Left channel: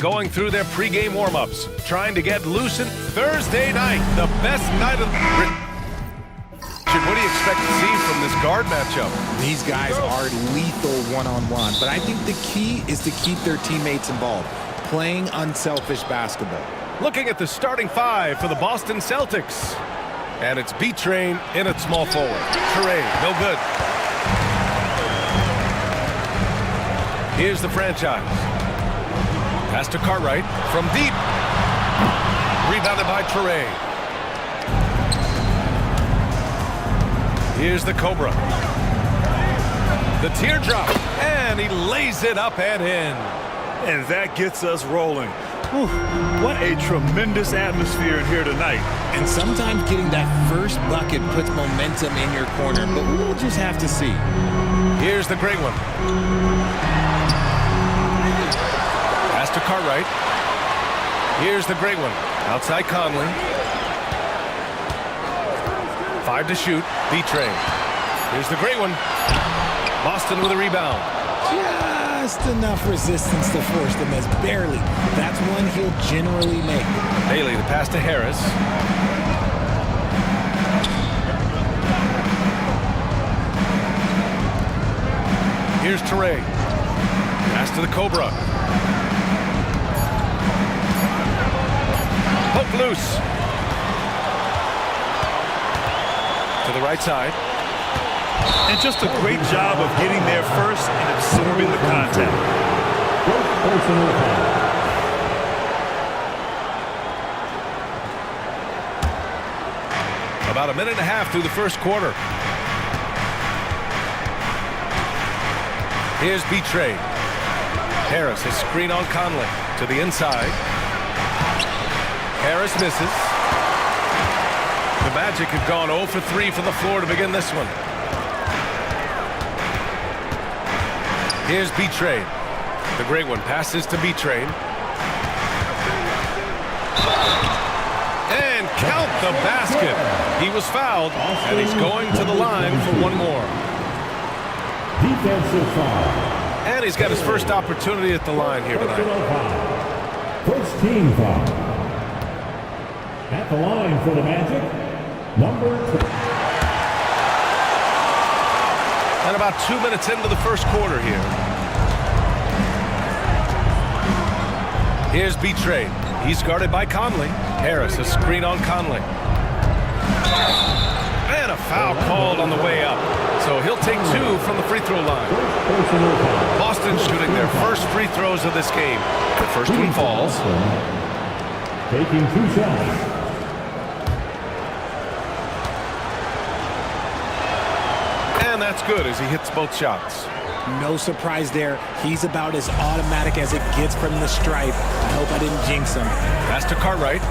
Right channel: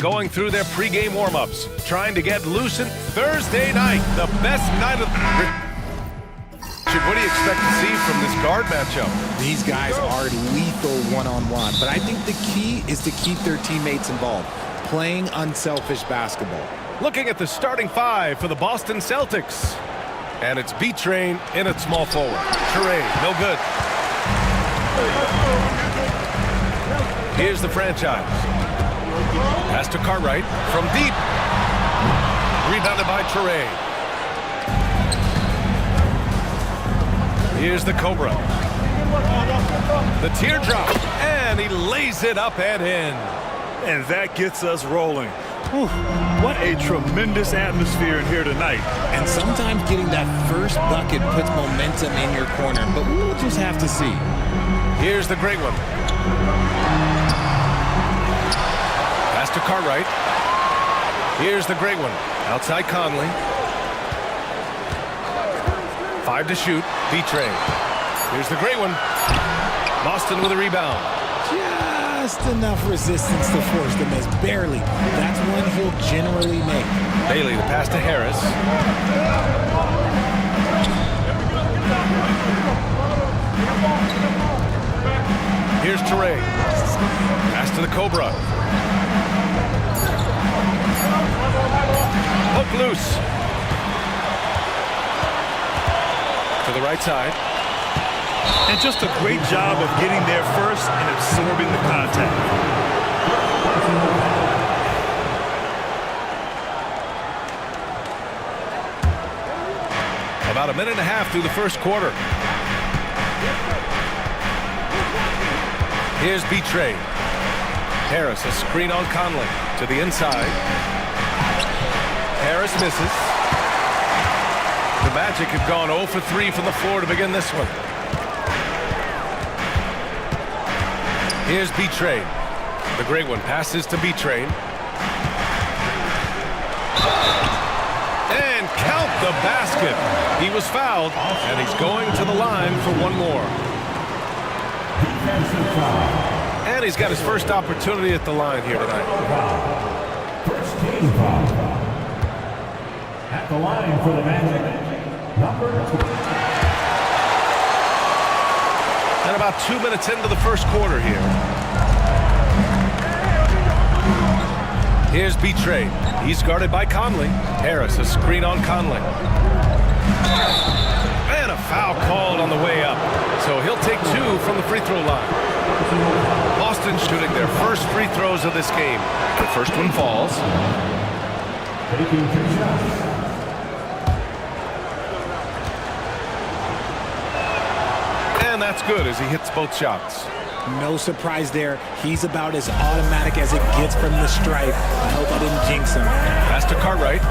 going through their pregame warm-ups, trying to get loose in Thursday night, the best night of what do you expect to see from this guard matchup? These guys are lethal one-on-one, but I think the key is to keep their teammates involved, playing unselfish basketball. Looking at the starting five for the Boston Celtics. And it's B-Train in at small forward. Trey, no good. Here's the franchise. Pass to Cartwright from deep. Rebounded by Trey. Here's the Cobra. The teardrop. And he lays it up and in. And that gets us rolling. Whew, what a tremendous atmosphere in here tonight. And sometimes getting that first bucket puts momentum in your corner, but we'll just have to see. Here's the great one. Pass to Cartwright. Here's the great one. Outside Conley. 5 to shoot. B-Train. Here's the great one. Boston with a rebound. Just enough resistance to force the miss. Barely. That's one he'll generally make. Bailey, the pass to Harris. Here's Teray. Pass to the Cobra. Hook loose. To the right side. And just a great job of getting there first and absorbing the contact. About a minute and a half through the first quarter. Here's B-Train. Harris, a screen on Conley. To the inside. Harris misses. The Magic have gone 0 for 3 from the floor to begin this one. Here's B-Train. The great one passes to B-Train. And count the basket. He was fouled, and he's going to the line for one more. Defensive foul. And he's got his first opportunity at the line here tonight. First team foul. At the line for the Magic, number 2. And about 2 minutes into the first quarter here. Here's B-Train. He's guarded by Conley. Harris, a screen on Conley. And a foul called on the way up. So he'll take 2 from the free throw line. Boston shooting their first free throws of this game. The first one falls. Taking 2 shots. And that's good as he hits both shots. No surprise there. He's about as automatic as it gets from the stripe. I hope I didn't jinx him. Pass to Cartwright.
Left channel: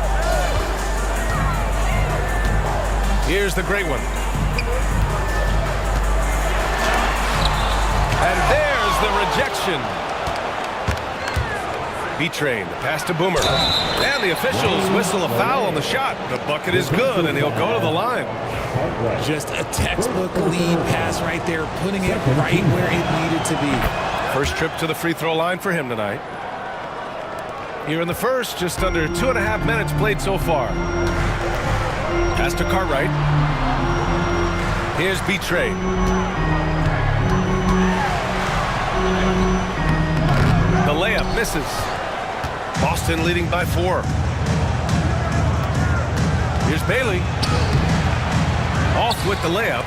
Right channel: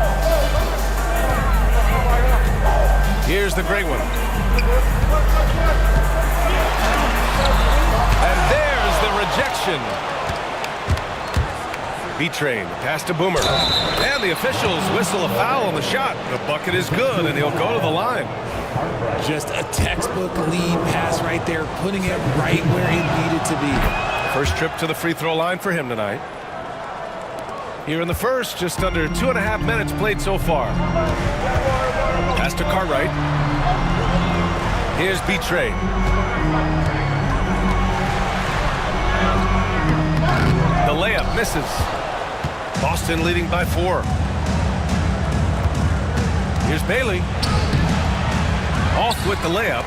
Here's the great one. And there's the rejection. B-Train, the pass to Boomer. And the officials whistle a foul on the shot. The bucket is good, and he'll go to the line. Just a textbook lead pass right there, putting it right where it needed to be. First trip to the free throw line for him tonight. Here in the first, just under 2.5 minutes played so far. Pass to Cartwright. Here's B-Train. The layup misses. Boston leading by 4. Here's Bailey. Off with the layup.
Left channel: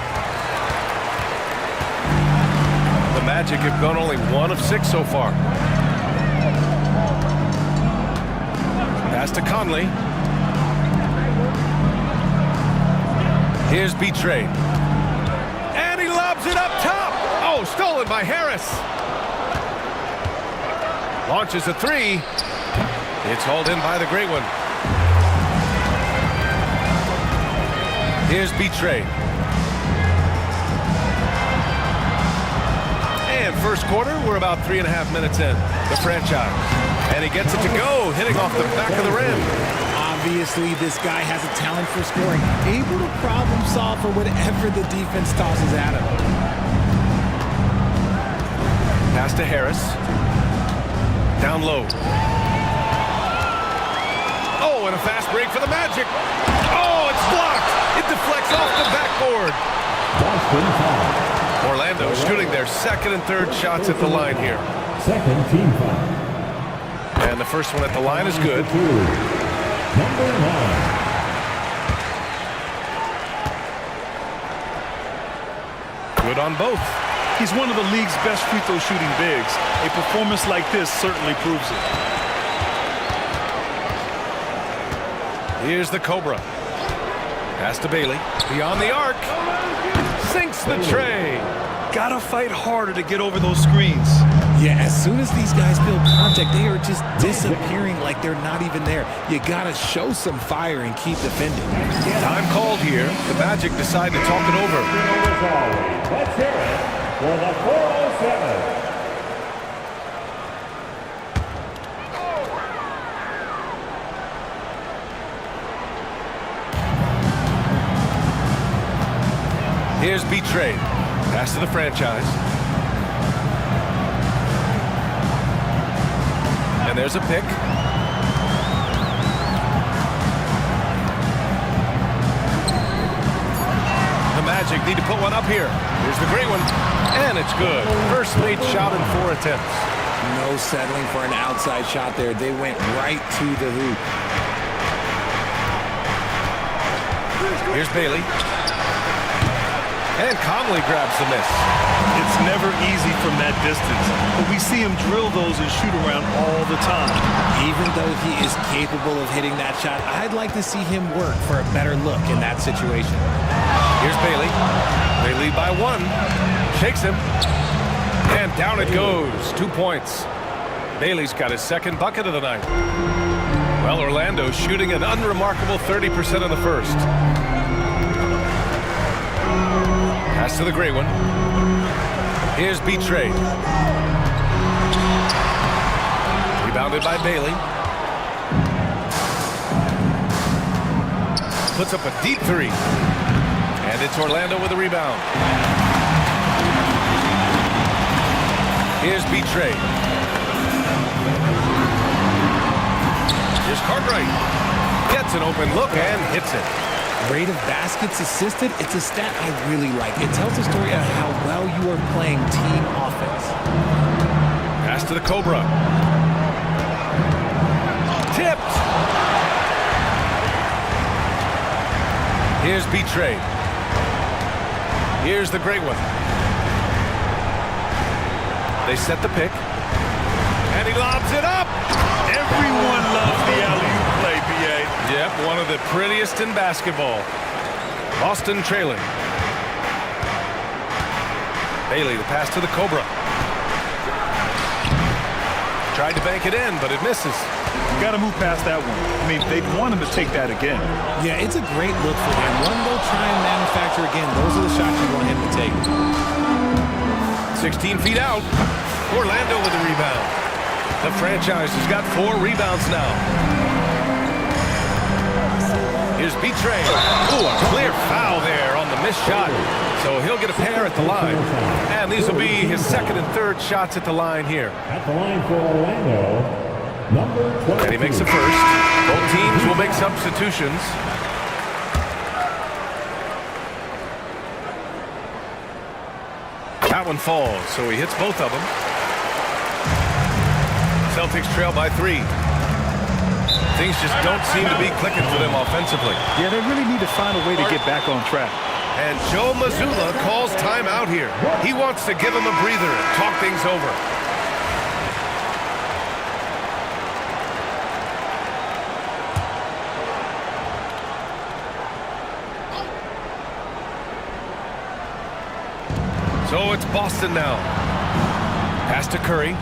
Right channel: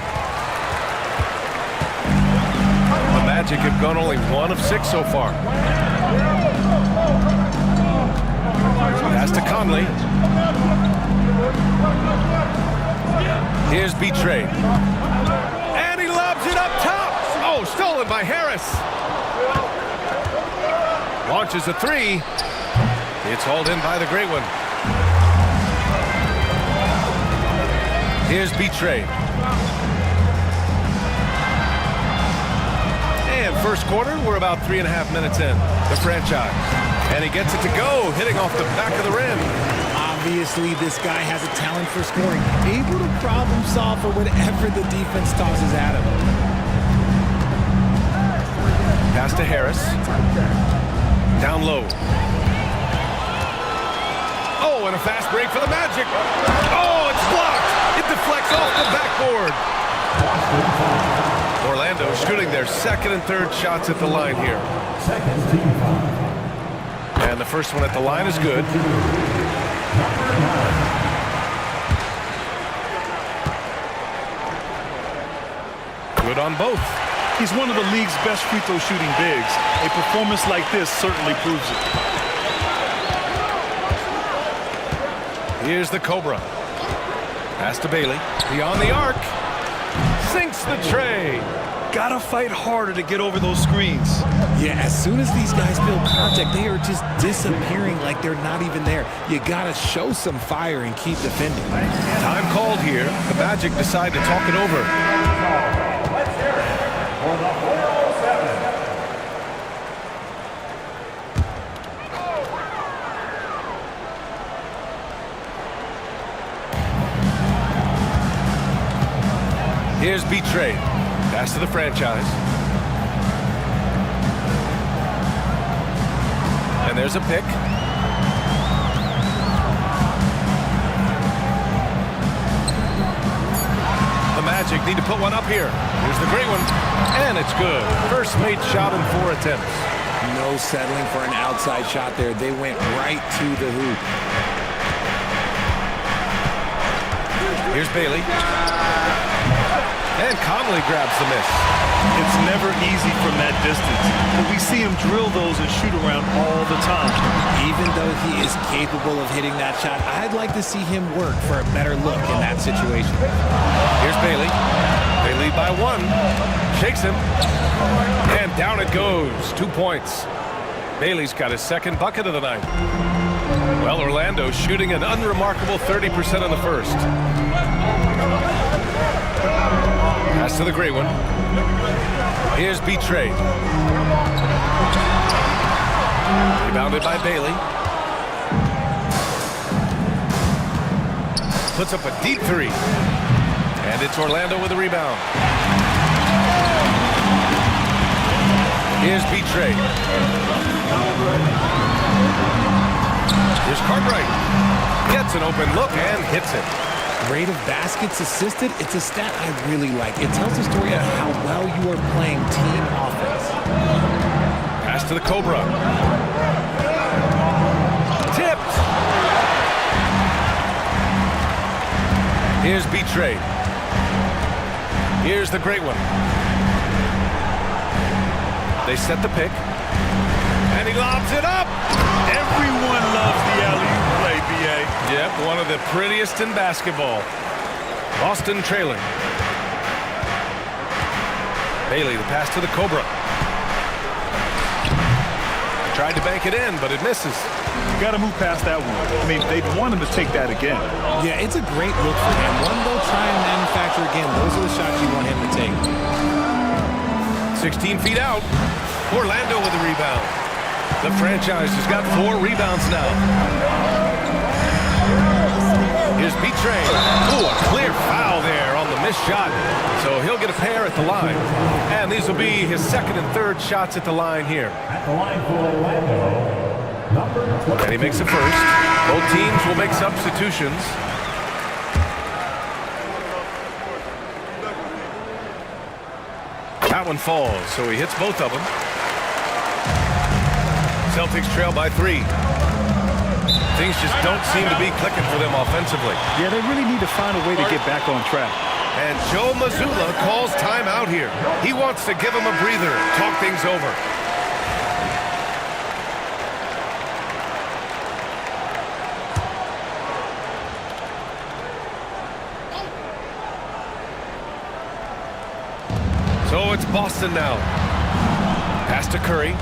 The Magic have gone only 1 of 6 so far. Pass to Conley. Here's B-Train. And he lobs it up top. Oh, stolen by Harris. Launches a 3. It's hauled in by the great one. Here's B-Train. And first quarter, we're about 3.5 minutes in. The franchise. And he gets it to go, hitting off the back of the rim. Obviously, this guy has a talent for scoring, able to problem solve for whatever the defense tosses at him. Pass to Harris. Down low. Oh, and a fast break for the Magic. Oh, it's blocked. It deflects off the backboard. Boston foul. Orlando shooting their second and third shots at the line here. Second team foul. And the first one at the line is good. Number 9. Good on both. He's one of the league's best free throw shooting bigs. A performance like this certainly proves it. Here's the Cobra. Pass to Bailey. Beyond the arc. Sinks the tray. Gotta fight harder to get over those screens. Yeah, as soon as these guys feel contact, they are just disappearing like they're not even there. You gotta show some fire and keep defending. Time called here. The Magic decide to talk it over. Let's hear it for the 407. Here's B-Trade. Pass to the franchise. And there's a pick. The Magic need to put one up here. Here's the great one. And it's good. First made shot in 4 attempts. No settling for an outside shot there. They went right to the hoop. Here's Bailey. And Conley grabs the miss. It's never easy from that distance, but we see him drill those and shoot around all the time. Even though he is capable of hitting that shot, I'd like to see him work for a better look in that situation. Here's Bailey. They lead by 1. Shakes him. And down it goes. 2 points. Bailey's got his second bucket of the night. Well, Orlando's shooting an unremarkable 30% in the first. Pass to the great one. Here's B-Trade. Rebounded by Bailey. Puts up a deep 3. And it's Orlando with a rebound. Here's B-Trade. Here's Cartwright. Gets an open look and hits it. Rate of baskets assisted, it's a stat I really like. It tells the story of how well you are playing team offense. Pass to the Cobra. Tipped. Here's B-Trade. Here's the great one. They set the pick. And he lobs it up. Everyone loves the alley-oop play, B.A. Yep, one of the prettiest in basketball. Boston trailing. Bailey, the pass to the Cobra. Tried to bank it in, but it misses. Got to move past that one. I mean, they'd want him to take that again. Yeah, it's a great look for him. One they'll try and manufacture again. Those are the shots you want him to take. 16 feet out. Orlando with the rebound. The franchise has got 4 rebounds now. Here's B-Train. Ooh, a clear foul there on the missed shot. So he'll get a pair at the line. And these will be his second and third shots at the line here. At the line for Orlando, number 12. And he makes the first. Both teams will make substitutions. That one falls, so he hits both of them. Celtics trail by 3. Things just don't seem to be clicking for them offensively. Yeah, they really need to find a way to get back on track. And Joe Mazzulla calls timeout here. He wants to give him a breather and talk things over. So it's Boston now. Pass to Curry.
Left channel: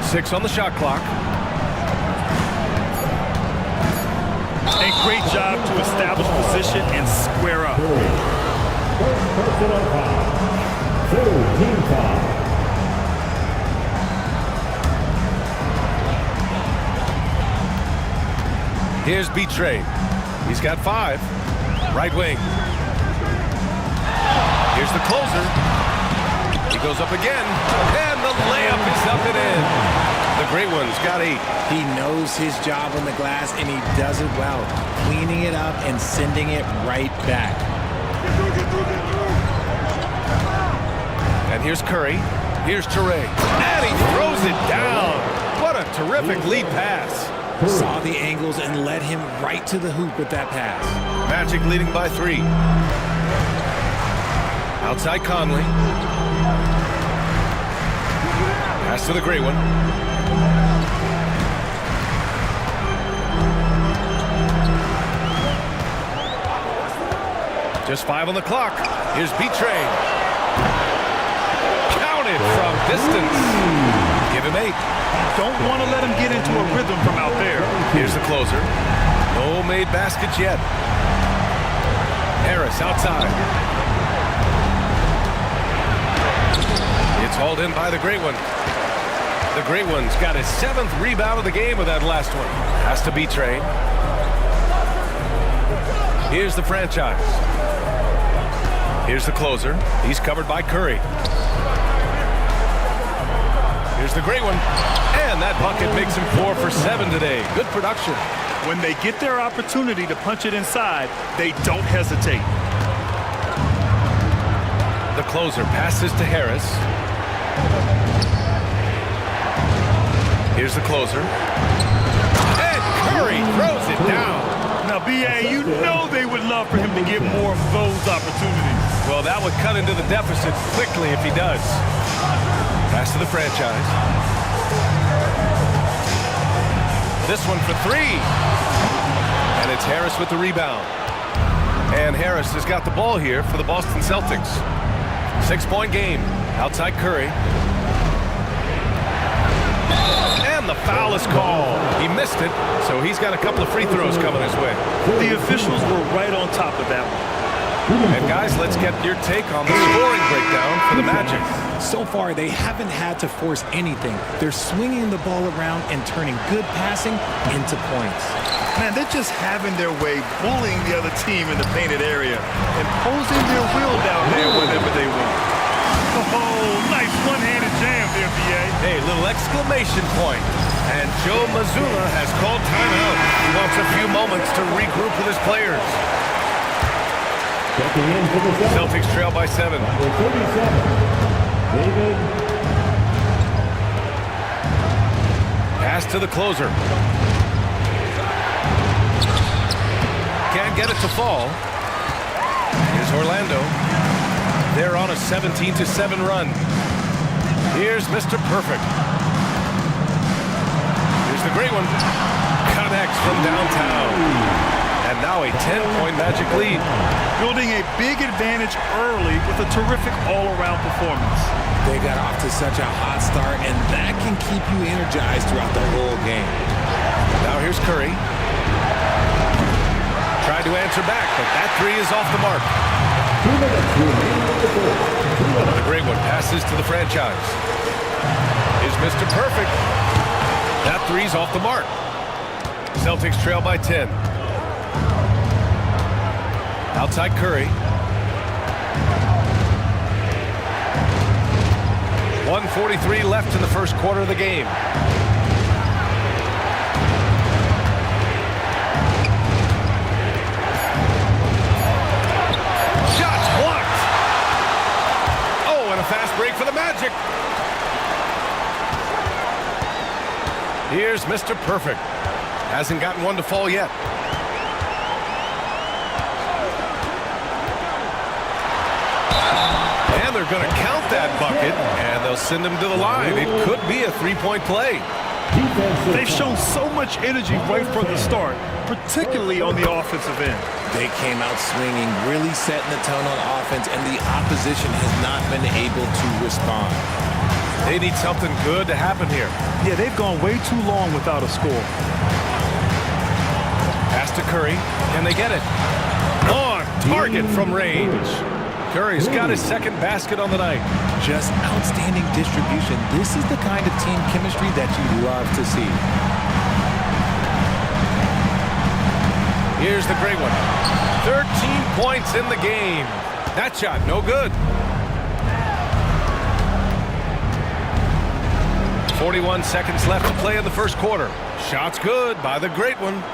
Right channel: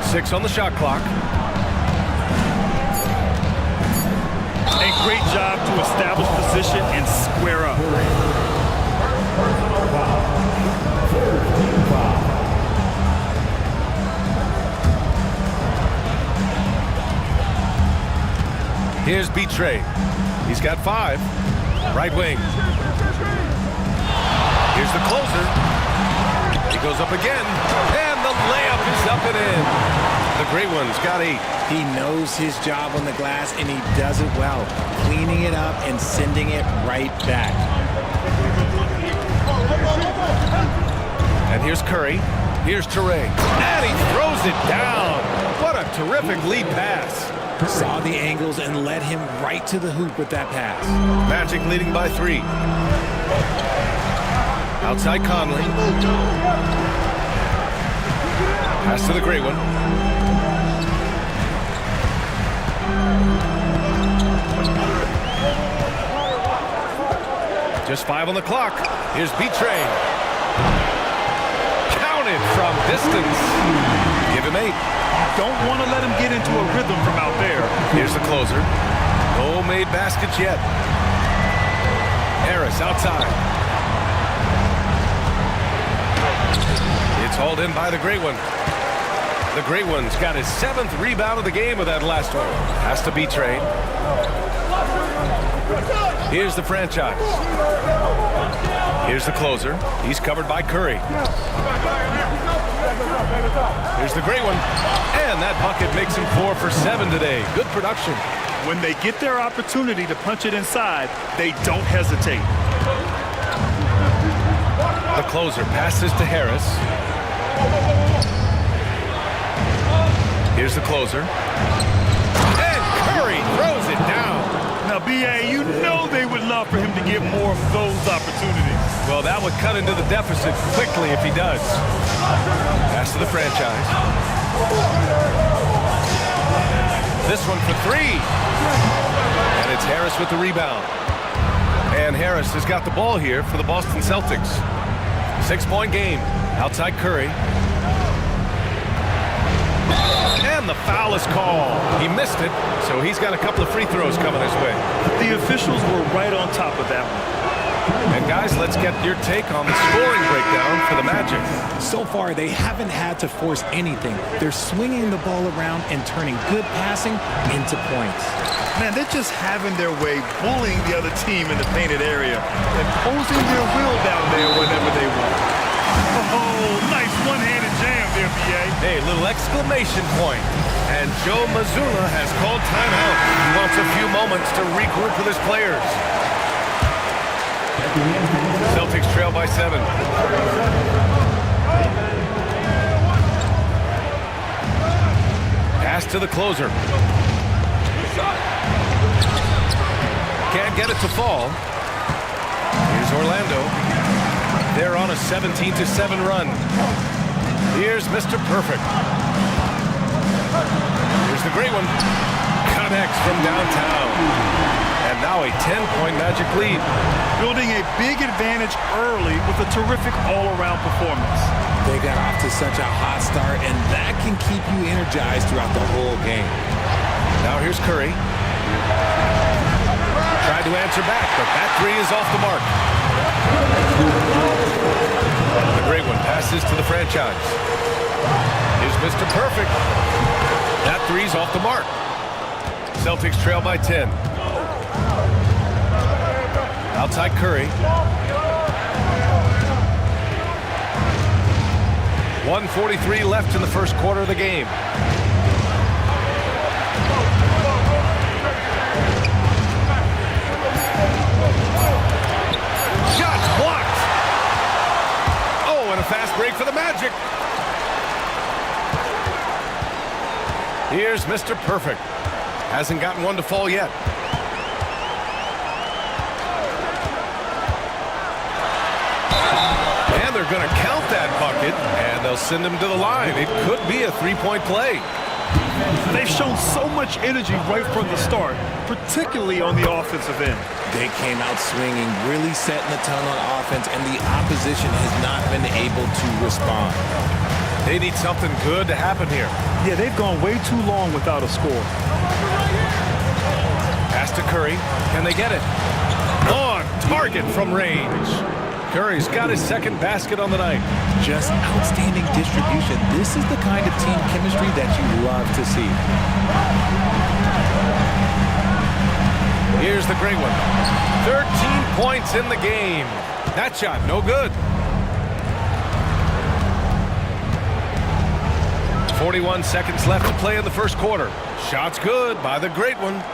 Six on the shot clock. A great job to establish position and square up. First personal foul. Third team foul. Here's B-Trade. He's got 5. Right wing. Here's the closer. He goes up again, and the layup is up and in. The great one's got 8. He knows his job on the glass, and he does it well, cleaning it up and sending it right back. And here's Curry. Here's Toure. And he throws it down. What a terrific lead pass. Saw the angles and led him right to the hoop with that pass. Magic leading by 3. Outside Conley. Pass to the great one. Just 5 on the clock. Here's B-Train. Counted from distance. Give him 8. Don't want to let him get into a rhythm from out there. Here's the closer. No made baskets yet. Harris outside. It's hauled in by the great one. The great one's got his 7th rebound of the game with that last one. Has to be Train. Here's the franchise. Here's the closer. He's covered by Curry. Here's the great one. And that bucket makes him 4 for 7 today. Good production. When they get their opportunity to punch it inside, they don't hesitate. The closer passes to Harris. Here's the closer. And Curry throws it down. Now, B.A., you know they would love for him to get more of those opportunities. Well, that would cut into the deficit quickly if he does. Pass to the franchise. This one for 3. And it's Harris with the rebound. And Harris has got the ball here for the Boston Celtics. 6-point game. Outside Curry. And the foul is called. He missed it, so he's got a couple of free throws coming his way. The officials were right on top of that one. And guys, let's get your take on the scoring breakdown for the Magic. So far, they haven't had to force anything. They're swinging the ball around and turning good passing into points. Man, they're just having their way, bullying the other team in the painted area, imposing their will down there whenever they want. Oh, nice one-handed jam there, B.A. Hey, little exclamation point. And Joe Mazzulla has called timeout. He wants a few moments to regroup with his players. Celtics trail by 7. Pass to the closer. Can't get it to fall. Here's Orlando. They're on a 17-7 run. Here's Mr. Perfect. Here's the great one. Connects from downtown. And now a 10-point Magic lead. Building a big advantage early with a terrific all-around performance. They got off to such a hot start, and that can keep you energized throughout the whole game. Now here's Curry. Tried to answer back, but that 3 is off the mark. The great one passes to the franchise. Here's Mr. Perfect. That 3's off the mark. Celtics trail by 10. Outside Curry. 1:43 left in the first quarter of the game. Shots blocked. Oh, and a fast break for the Magic. Here's Mr. Perfect. Hasn't gotten one to fall yet. And they're going to count that bucket, and they'll send him to the line. It could be a 3-point play. They've shown so much energy right from the start, particularly on the offensive end. They came out swinging, really setting the tone on offense, and the opposition has not been able to respond. They need something good to happen here. Yeah, they've gone way too long without a score. Pass to Curry. Can they get it? On target from range. Curry's got his second basket on the night. Just outstanding distribution. This is the kind of team chemistry that you love to see. Here's the great one. 13 points in the game. That shot, no good. 41 seconds left to play in the first quarter. Shot's good by the great one.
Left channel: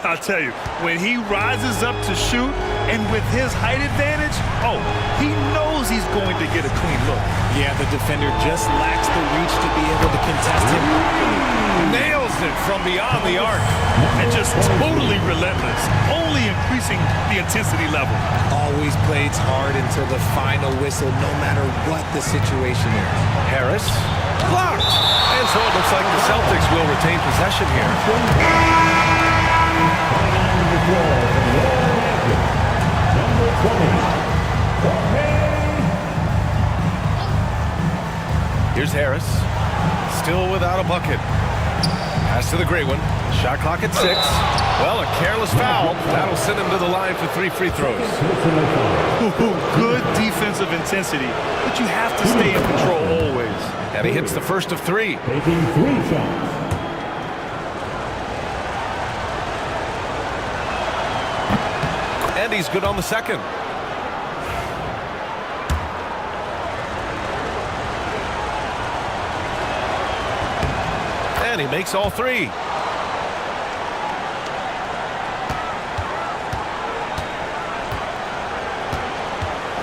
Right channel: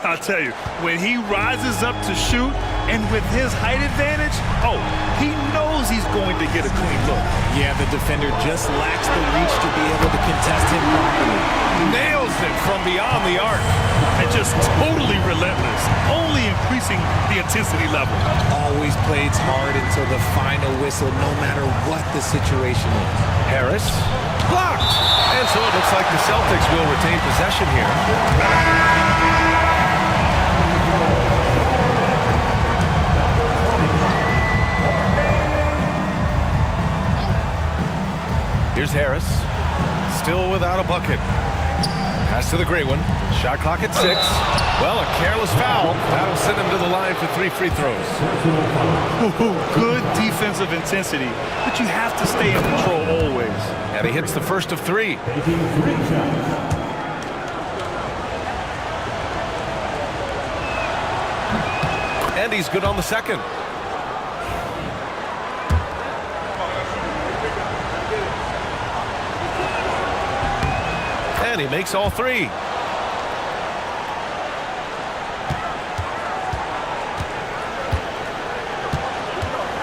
I'll tell you, when he rises up to shoot, and with his height advantage, oh, he knows he's going to get a clean look. Yeah, the defender just lacks the reach to be able to contest him properly. Nails it from beyond the arc. And just totally relentless, only increasing the intensity level. Always plays hard until the final whistle, no matter what the situation is. Harris, blocked. And so it looks like the Celtics will retain possession here. Here's Harris, still without a bucket. Pass to the great one. Shot clock at 6. Well, a careless foul. That'll send him to the line for 3 free throws. Good defensive intensity, but you have to stay in control always. And he hits the first of 3. Taking 3 shots. And he's good on the second. And he makes all 3.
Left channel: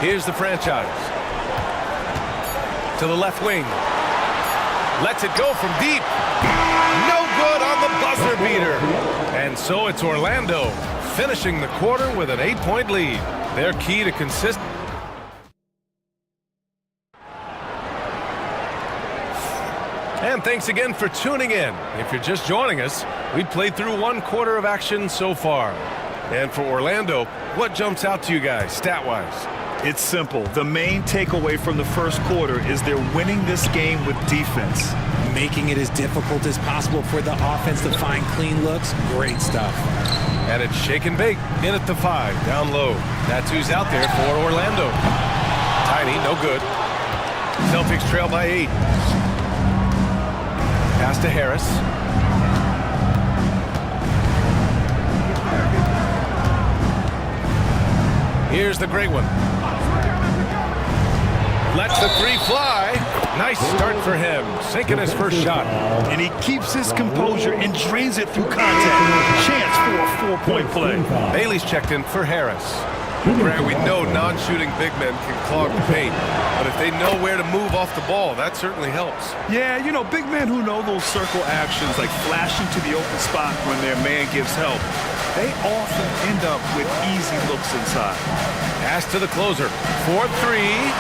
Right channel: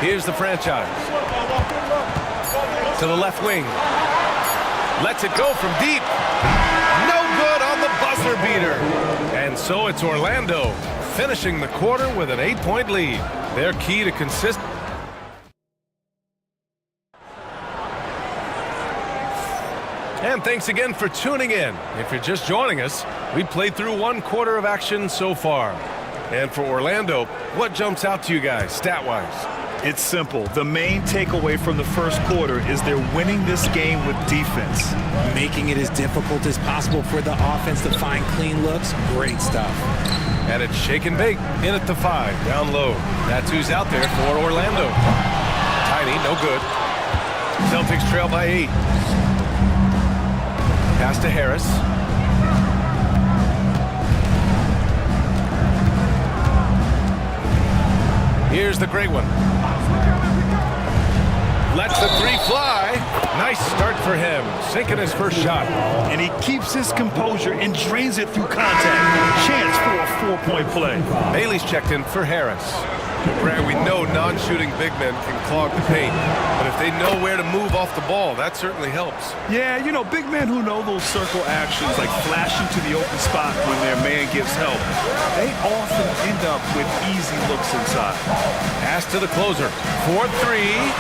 Here's the franchise. To the left wing. Lets it go from deep. No good on the buzzer beater. And so it's Orlando finishing the quarter with an 8-point lead. Their key to consistent. And thanks again for tuning in. If you're just joining us, we played through 1 quarter of action so far. And for Orlando, what jumps out to you guys, stat-wise? It's simple. The main takeaway from the first quarter is they're winning this game with defense. Making it as difficult as possible for the offense to find clean looks. Great stuff. And it's shake and bake in at the 5, down low. That's who's out there for Orlando. Tiny, no good. Celtics trail by 8. Pass to Harris. Here's the great one. Lets the 3 fly. Nice start for him, sinking his first shot. And he keeps his composure and drains it through contact. Chance for a 4-point play. Bailey's checked in for Harris. Grant, we know non-shooting big men can clog the paint, but if they know where to move off the ball, that certainly helps. Yeah, you know, big men who know those circle actions, like flashing to the open spot when their man gives help, they often end up with easy looks inside. Pass to the closer. 4-3.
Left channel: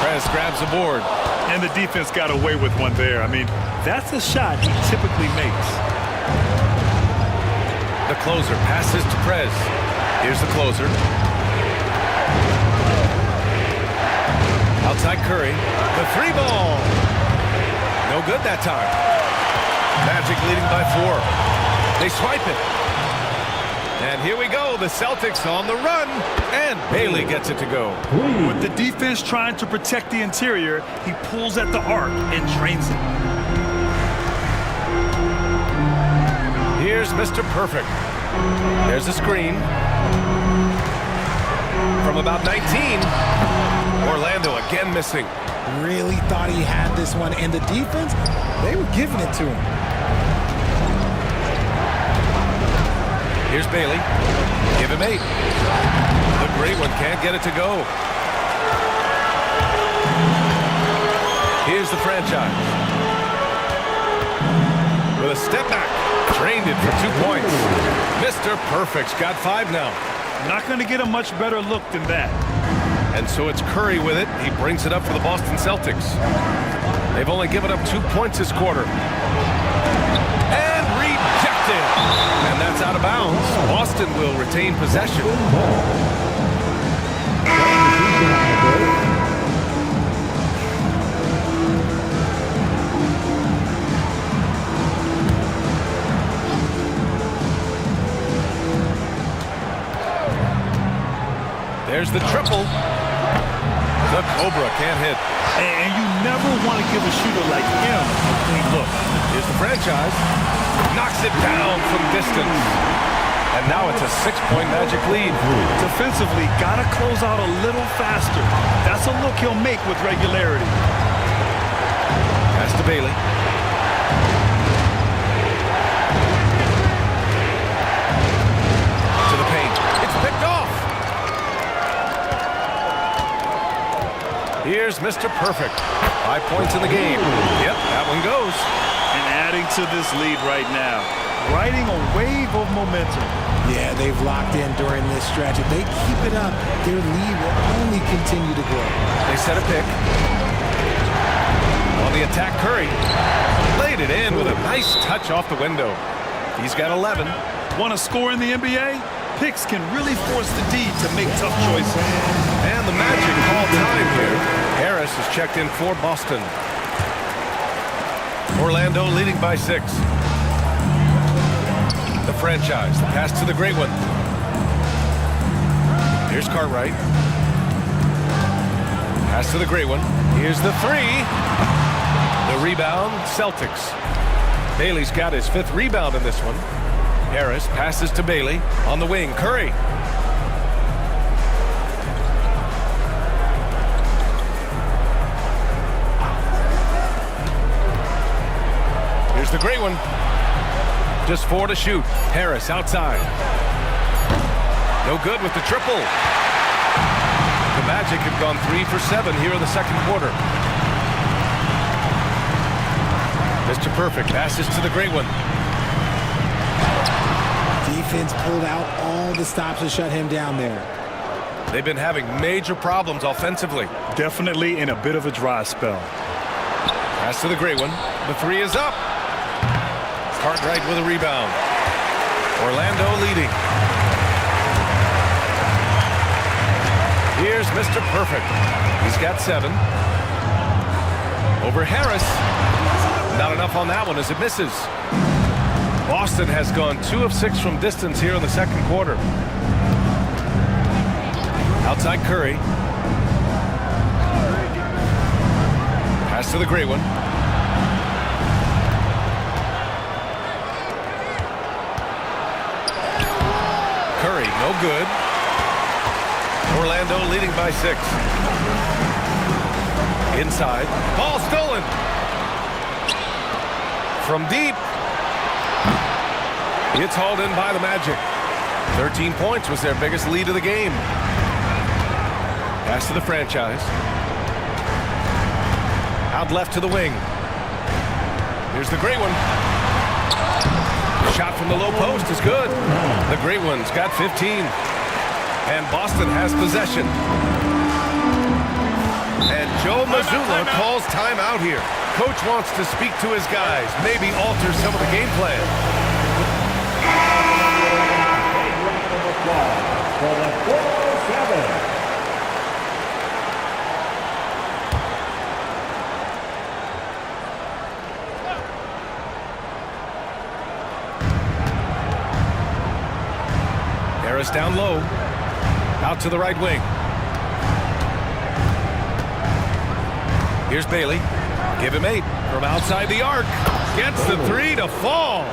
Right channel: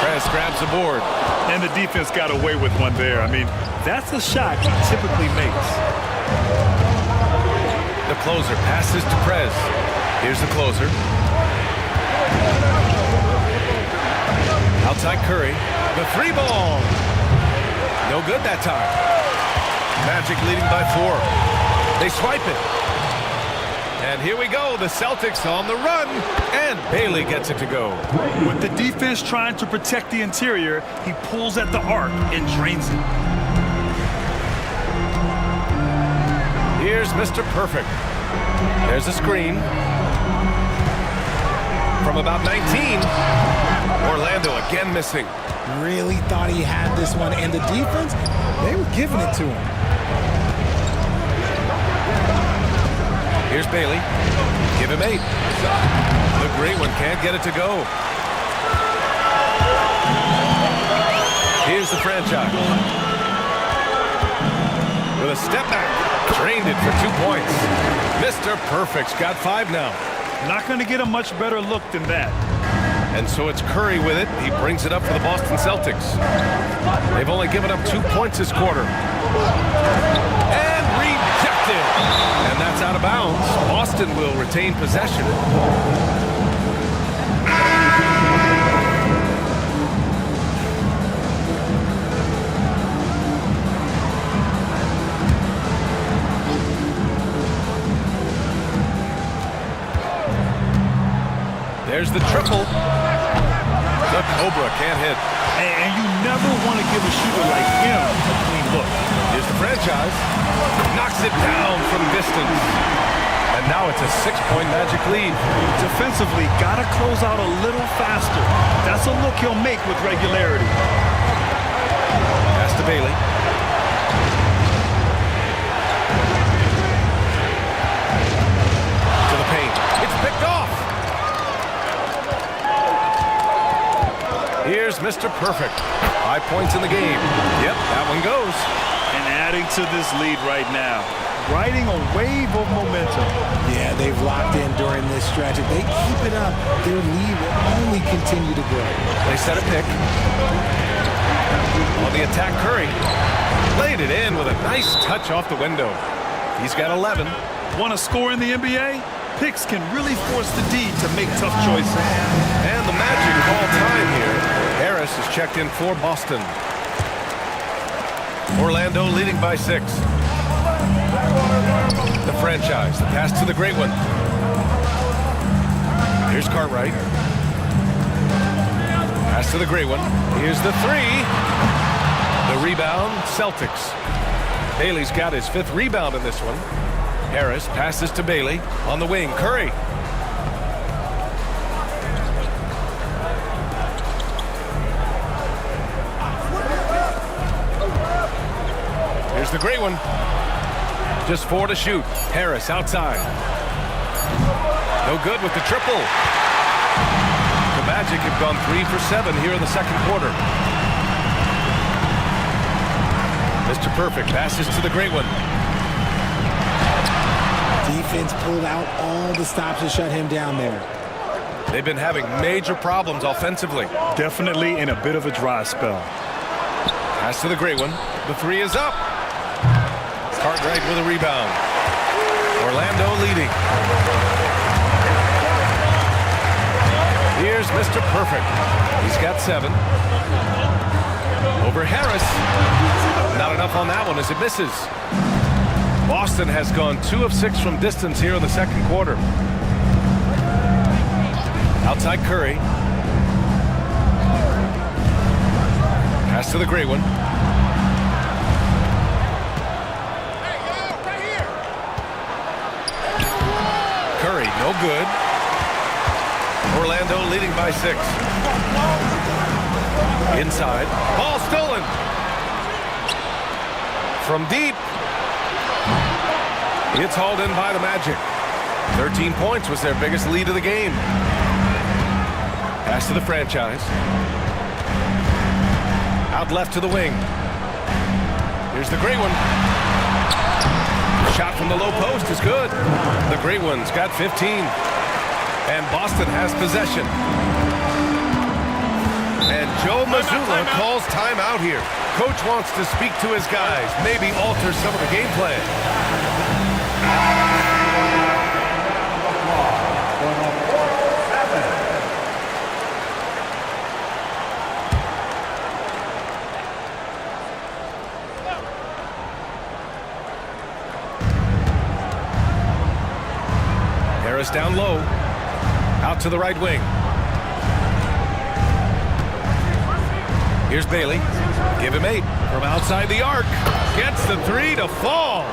Prez grabs the board. And the defense got away with one there. I mean, that's a shot he typically makes. The closer passes to Prez. Here's the closer. Outside Curry. The 3 ball. No good that time. Magic leading by 4. They swipe it. And here we go. The Celtics on the run. And Bailey gets it to go. With the defense trying to protect the interior, he pulls at the arc and drains it. Here's Mr. Perfect. There's a screen. From about 19. Orlando again missing. Really thought he had this one, and the defense, they were giving it to him. Here's Bailey. Give him 8. The great one can't get it to go. Here's the franchise. With a step back. Drained it for 2 points. Mr. Perfect's got 5 now. Not going to get a much better look than that. And so it's Curry with it. He brings it up for the Boston Celtics. They've only given up 2 points this quarter. And rejected. And that's out of bounds. Boston will retain possession. There's the triple. The Cobra can't hit. And you never want to give a shooter like him a clean look. Here's the franchise. Knocks it down from distance. And now it's a 6-point Magic lead. Defensively, gotta close out a little faster. That's a look he'll make with regularity. Pass to Bailey. To the paint. It's picked off. Here's Mr. Perfect. 5 points in the game. Yep, that one goes. And adding to this lead right now. Riding a wave of momentum. Yeah, they've locked in during this stretch. If they keep it up, their lead will only continue to grow. They set a pick. On the attack, Curry. Laid it in with a nice touch off the window. He's got 11. Want to score in the NBA? Picks can really force the D to make tough choices. And the Magic call time here. Harris is checked in for Boston. Orlando leading by 6. The franchise, the pass to the great one. Here's Cartwright. Pass to the great one. Here's the 3. The rebound, Celtics. Bailey's got his 5th rebound in this one. Harris passes to Bailey on the wing. Curry. Here's the great one. Just 4 to shoot. Harris outside. No good with the triple. The Magic have gone 3 for 7 here in the second quarter. Mr. Perfect passes to the great one. Defense pulled out all the stops to shut him down there. They've been having major problems offensively. Definitely in a bit of a dry spell. Pass to the great one. The 3 is up. Cartwright with a rebound. Orlando leading. Here's Mr. Perfect. He's got 7. Over Harris. Not enough on that one as it misses. Boston has gone 2 of 6 from distance here in the second quarter. Outside Curry. Pass to the great one. Curry, no good. Orlando leading by 6. Inside. Ball stolen. From deep. It's hauled in by the Magic. 13 points was their biggest lead of the game. Pass to the franchise. Out left to the wing. Here's the great one. Shot from the low post is good. The great one's got 15. And Boston has possession. And Joe Mazzulla calls timeout here. Coach wants to speak to his guys, maybe alter some of the game plan. For the 407. Harris down low. Out to the right wing. Here's Bailey. Give him 8 from outside the arc. Gets the 3 to fall.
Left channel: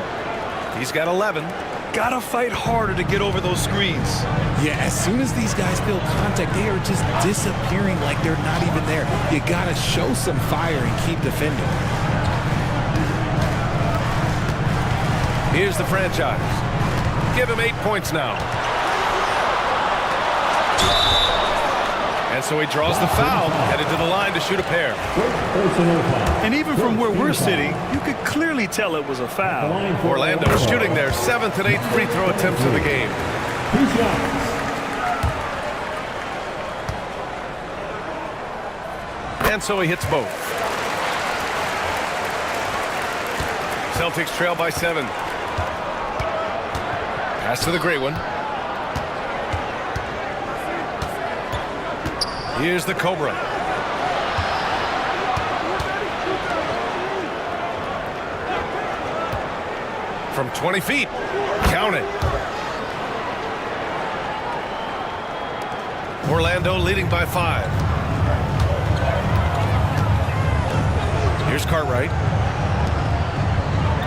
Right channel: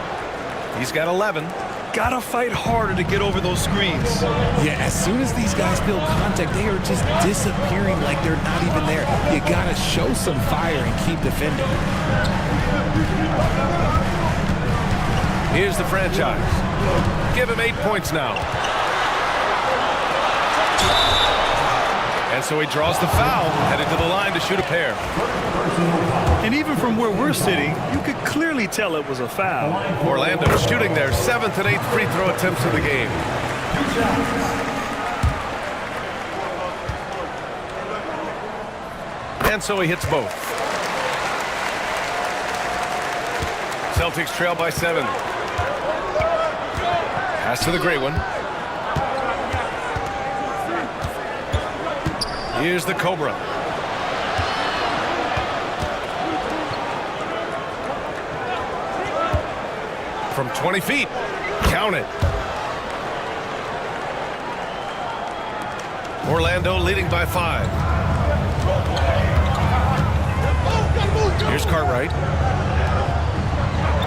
He's got 11. Gotta fight harder to get over those screens. Yeah, as soon as these guys feel contact, they are just disappearing like they're not even there. You gotta show some fire and keep defending. Here's the franchise. Give him 8 points now. And so he draws the foul, headed to the line to shoot a pair. And even from where we're sitting, you could clearly tell it was a foul. Orlando is shooting their 7th and 8th free throw attempts of the game. 2 shots. And so he hits both. Celtics trail by 7. Pass to the great one. Here's the Cobra. From 20 feet. Count it. Orlando leading by 5. Here's Cartwright.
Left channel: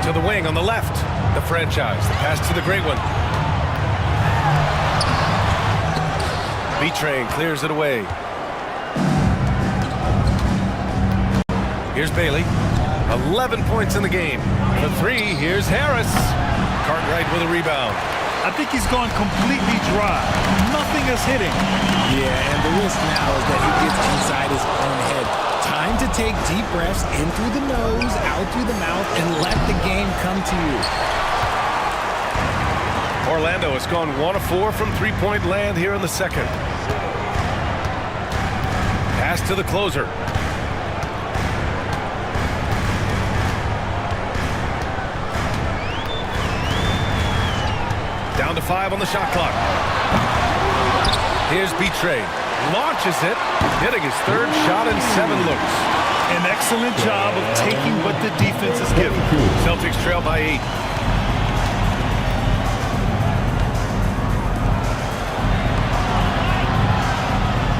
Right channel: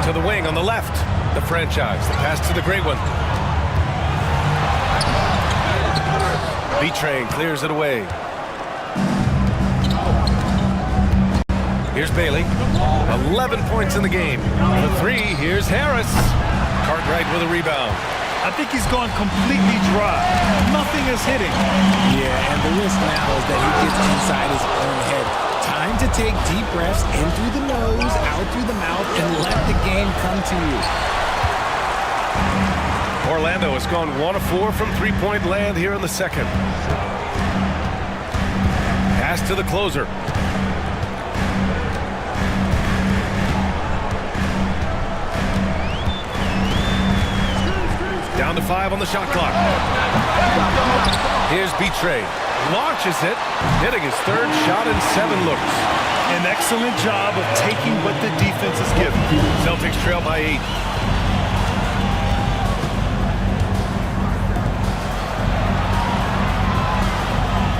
To the wing on the left. The franchise. The pass to the great one. B-Train clears it away. Here's Bailey. 11 points in the game. For 3, here's Harris. Cartwright with a rebound. I think he's gone completely dry. Nothing is hitting. Yeah, and the risk now is that he gets inside his own head. Time to take deep breaths in through the nose, out through the mouth, and let the game come to you. Orlando has gone 1 of 4 from three-point land here in the second. Pass to the closer. Down to 5 on the shot clock. Here's B-Train. Launches it, hitting his 3rd shot in 7 looks. An excellent job of taking what the defense is given. Celtics trail by 8.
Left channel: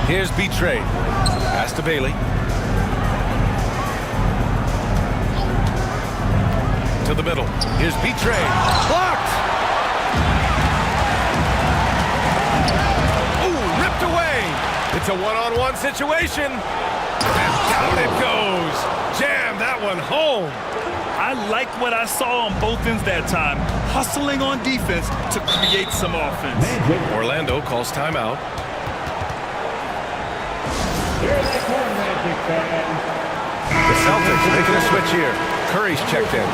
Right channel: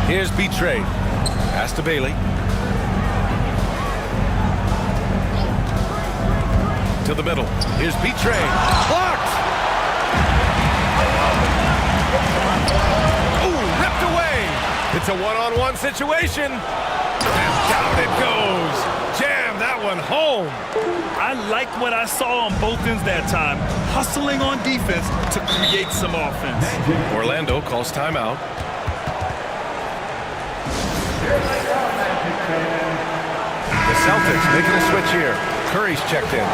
Here's B-Train. Pass to Bailey. To the middle. Here's B-Train. Blocked! Ripped away. It's a one-on-one situation. And down it goes. Jam that one home. I like what I saw on both ends that time. Hustling on defense to create some offense. Orlando calls timeout. The Celtics making a switch here. Curry's checked in.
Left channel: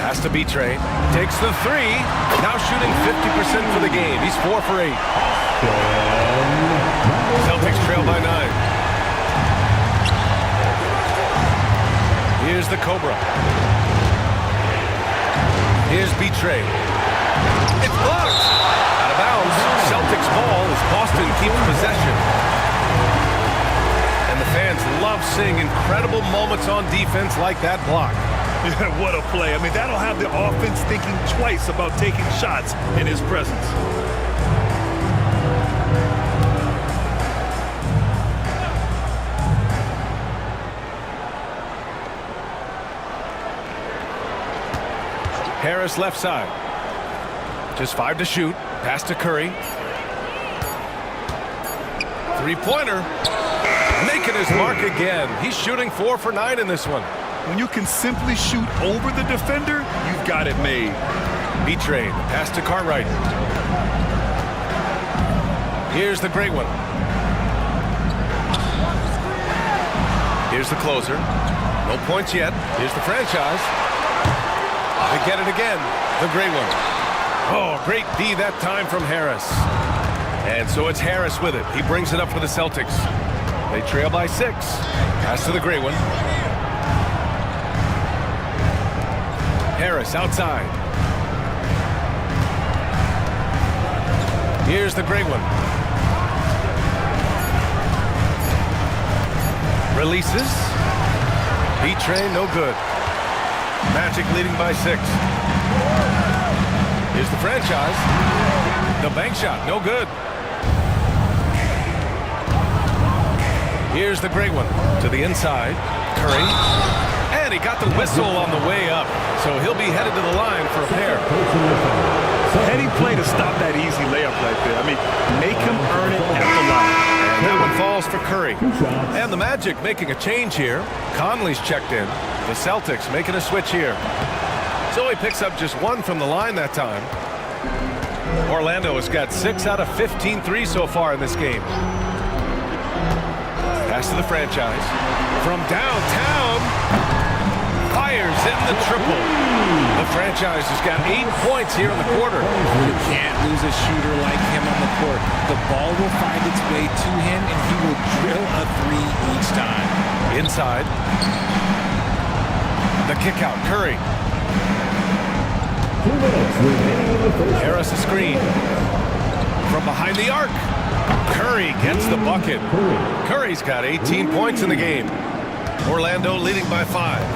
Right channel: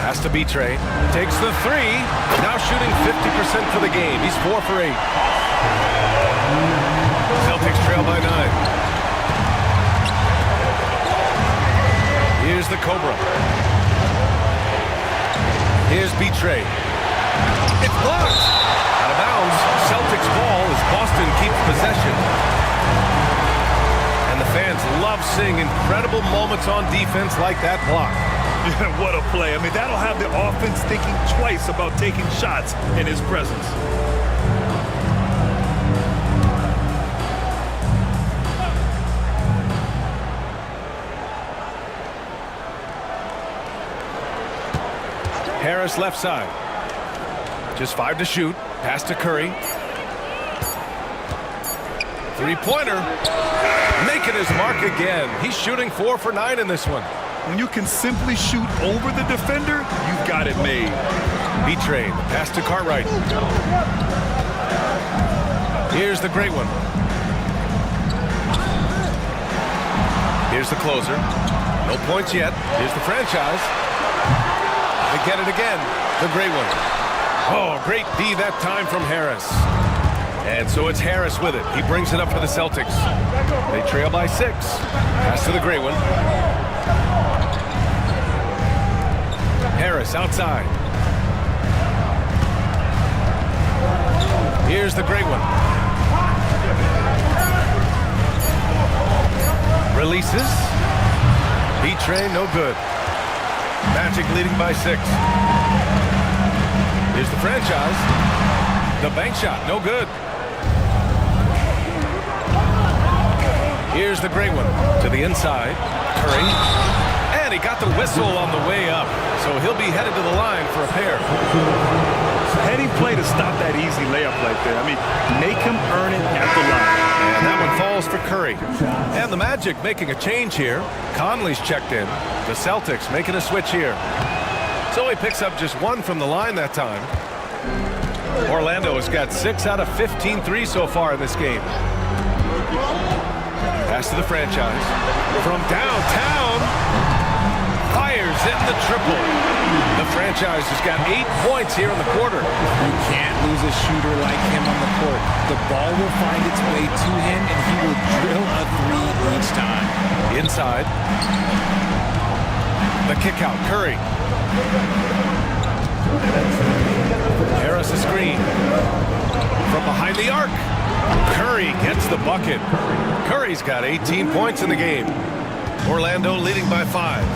Pass to B-Train. Takes the 3. Now shooting 50% for the game. He's 4 for 8. Celtics trail by 9. Here's the Cobra. Here's B-Train. It's blocked. Out of bounds. Celtics ball as Boston keeps possession. And the fans love seeing incredible moments on defense like that block. Yeah, what a play. I mean, that'll have the offense thinking twice about taking shots in his presence. Harris left side. Just 5 to shoot. Pass to Curry. 3-pointer. Making his mark again. He's shooting 4 for 9 in this one. When you can simply shoot over the defender, you've got it made. B-Train, pass to Cartwright. Here's the great one. Here's the closer. No points yet. Here's the franchise. They get it again. The great one. Oh, great D that time from Harris. And so it's Harris with it. He brings it up for the Celtics. They trail by 6. Pass to the great one. Harris outside. Here's the great one. Releases. B-Train, no good. Magic leading by 6. Here's the franchise. The bank shot, no good. Here's the great one to the inside. Curry. And he got the whistle on the way up. So he'll be headed to the line for a pair. Heading play to stop that easy layup right there. I mean, make him earn it at the line. And that one falls for Curry. And the Magic making a change here. Conley's checked in. The Celtics making a switch here. So he picks up just 1 from the line that time. Orlando has got 6 out of 15 threes so far in this game. Pass to the franchise. From downtown. Fires in the triple. The franchise has got 8 points here in the quarter. You can't lose a shooter like him on the court. The ball will find its way to him, and he will drill a 3 each time. Inside. The kick out. Curry. Harris a screen. From behind the arc. Curry gets the bucket. Curry's got 18 points in the game. Orlando leading by 5.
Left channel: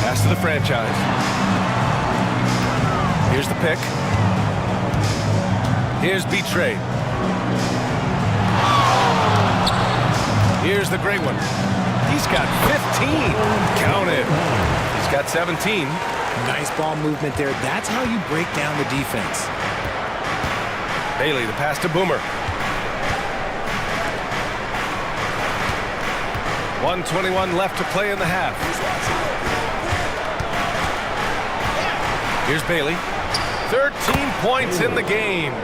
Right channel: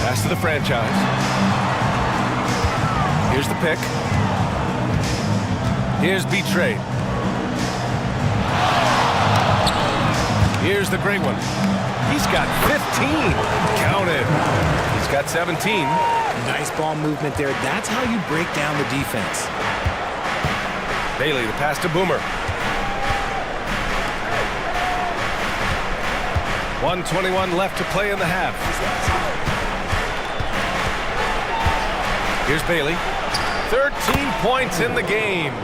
Pass to the franchise. Here's the pick. Here's B-Train. Here's the great one. He's got 15. Counted. He's got 17. Nice ball movement there. That's how you break down the defense. Bailey, the pass to Boomer. 1:21 left to play in the half. Here's Bailey. 13 points in the game.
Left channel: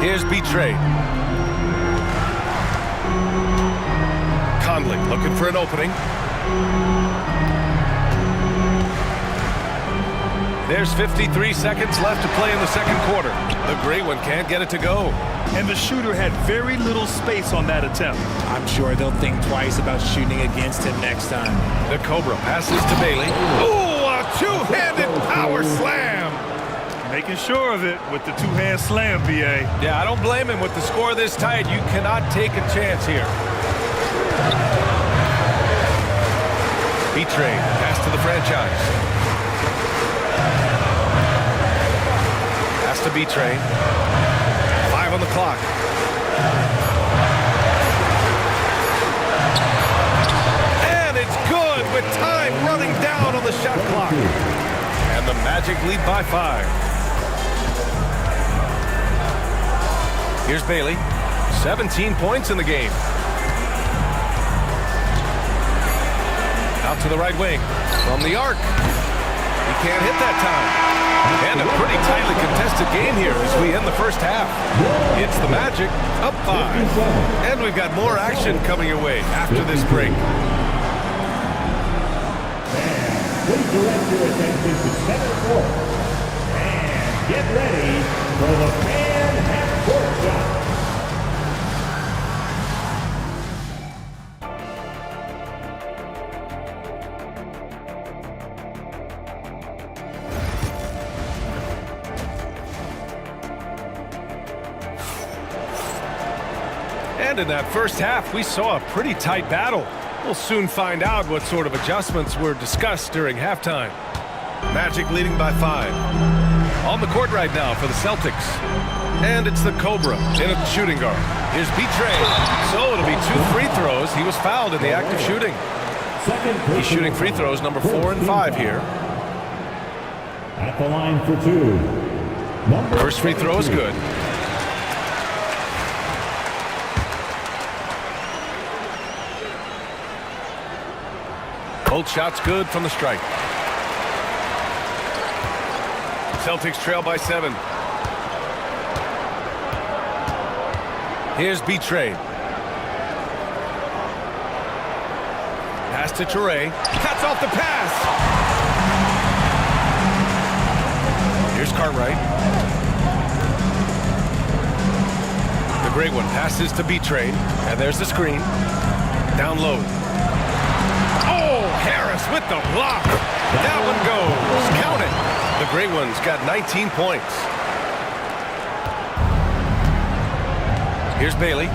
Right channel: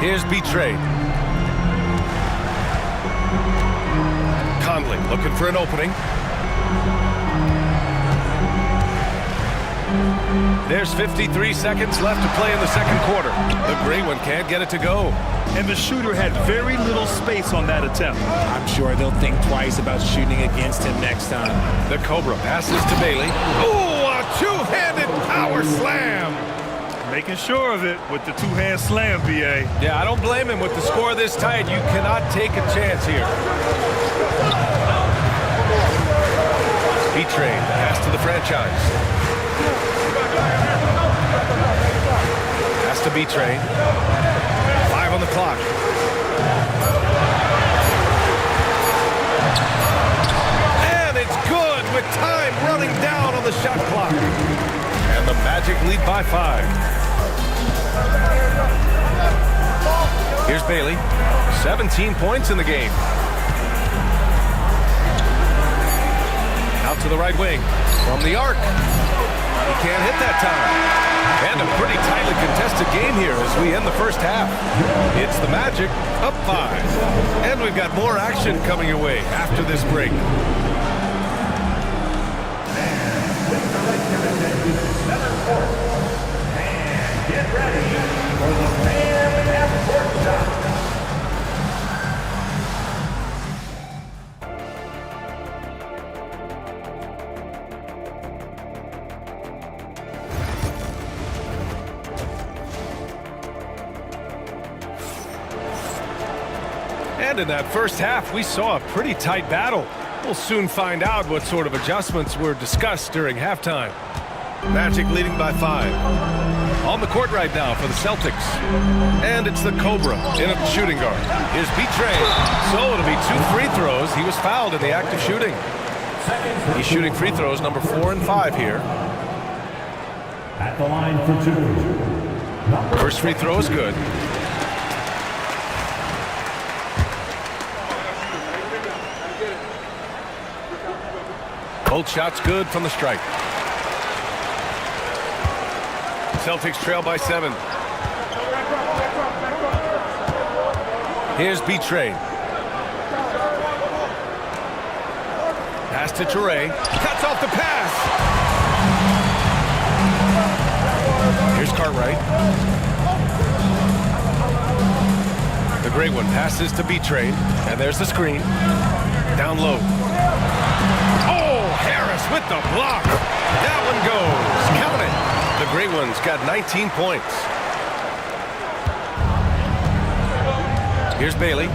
Here's B-Trade. Conley looking for an opening. There's 53 seconds left to play in the second quarter. The great one can't get it to go. And the shooter had very little space on that attempt. I'm sure they'll think twice about shooting against him next time. The Cobra passes to Bailey. Ooh, a two-handed power slam. Making sure of it with the two-hand slam, B.A. Yeah, I don't blame him. With the score this tight, you cannot take a chance here. B-Trade, pass to the franchise. Pass to B-Trade. 5 on the clock. And it's good with time running down on the shot clock. And the Magic lead by 5. Here's Bailey. 17 points in the game. Out to the right wing. From the arc. He can't hit that time. And a pretty tightly contested game here as we end the first half. It's the Magic up 5. And we've got more action coming your way after this break. And please direct your attention to center court. And get ready for the fan half-court shot. And in that first half, we saw a pretty tight battle. We'll soon find out what sort of adjustments were discussed during halftime. Magic leading by 5. On the court right now for the Celtics. And it's the Cobra in a shooting guard. Here's B-Trade. So it'll be 2 free throws. He was fouled in the act of shooting. He's shooting free throws number 4 and 5 here. At the line for 2. First free throw is good. Both shots good from the stripe. Celtics trail by 7. Here's B-Trade. Pass to Toure. Cuts off the pass. Here's Cartwright. The great one passes to B-Trade. And there's the screen. Down low. Oh, Harris with the block. That one goes. Count it. The great one's got 19 points. Here's Bailey.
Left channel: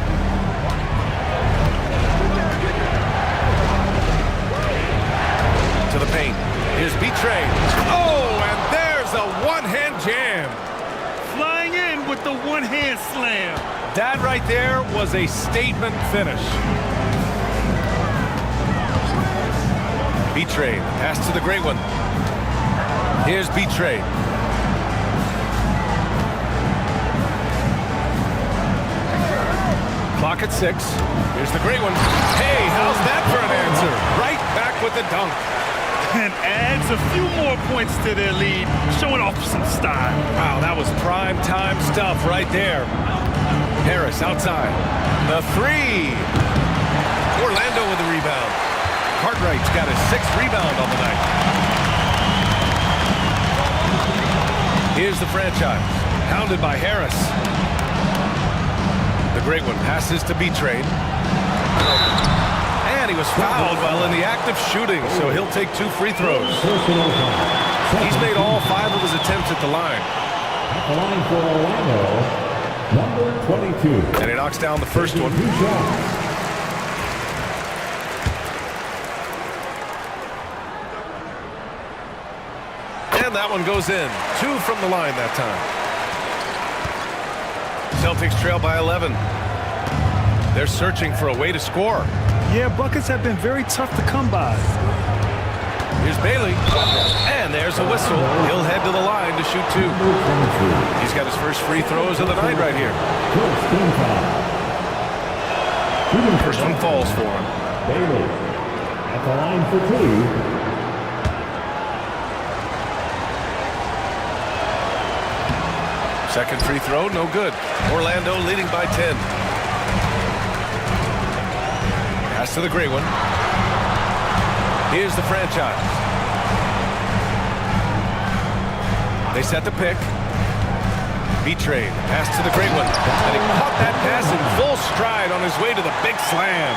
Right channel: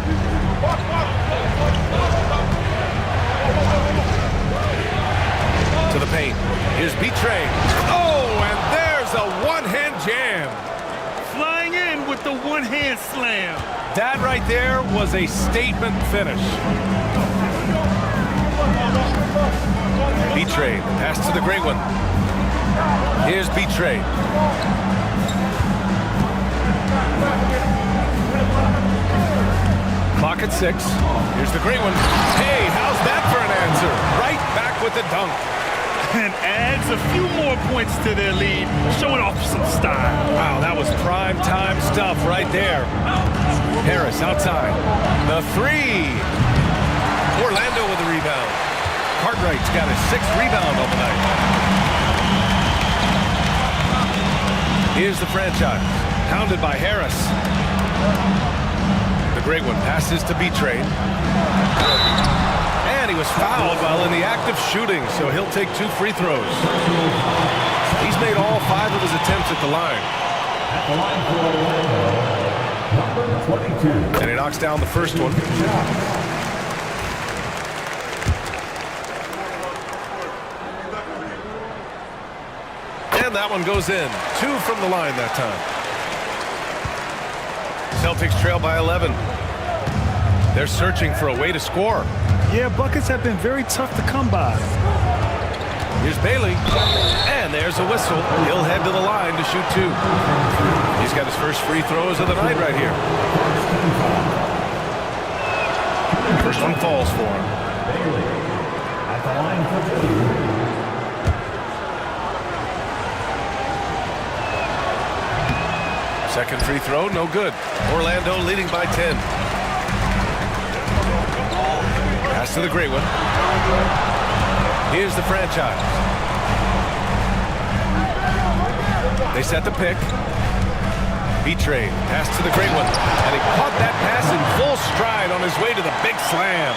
To the paint. Here's B-Trade. Oh, and there's a one-hand jam. Flying in with the one-hand slam. That right there was a statement finish. B-Trade, pass to the great one. Here's B-Trade. Clock at 6. Here's the great one. Hey, how's that for an answer? Right back with the dunk. And adds a few more points to their lead, showing off some style. Wow, that was prime time stuff right there. Harris outside. The 3. Orlando with the rebound. Cartwright's got his 6th rebound on the night. Here's the franchise. Hounded by Harris. The great one passes to B-Trade. And he was fouled while in the act of shooting, so he'll take 2 free throws. He's made all 5 of his attempts at the line. At the line for Orlando, number 22. And he knocks down the first one. 2 shots. And that one goes in. 2 from the line that time. Celtics trail by 11. They're searching for a way to score. Yeah, buckets have been very tough to come by. Here's Bailey, and there's a whistle. He'll head to the line to shoot 2. He's got his first free throws of the night right here. First one falls for him. Bailey at the line for 2. Second free throw, no good. Orlando leading by 10. Pass to the gray one. Here's the franchise. They set the pick. B-Train, pass to the great one. And he caught that pass in full stride on his way to the big slam.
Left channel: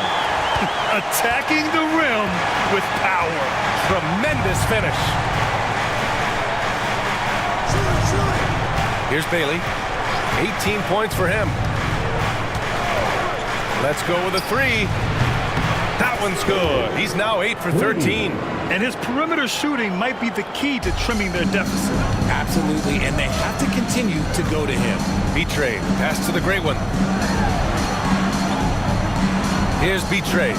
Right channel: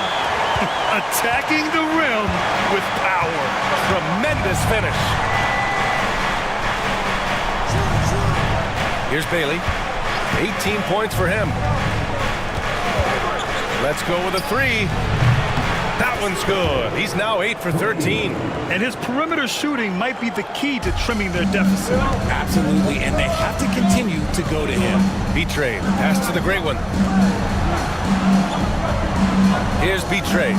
Attacking the rim with power. Tremendous finish. Here's Bailey. 18 points for him. Let's go with a 3. That one's good. He's now 8 for 13. And his perimeter shooting might be the key to trimming their deficit. Absolutely, and they have to continue to go to him. B-Train, pass to the great one. Here's B-Train.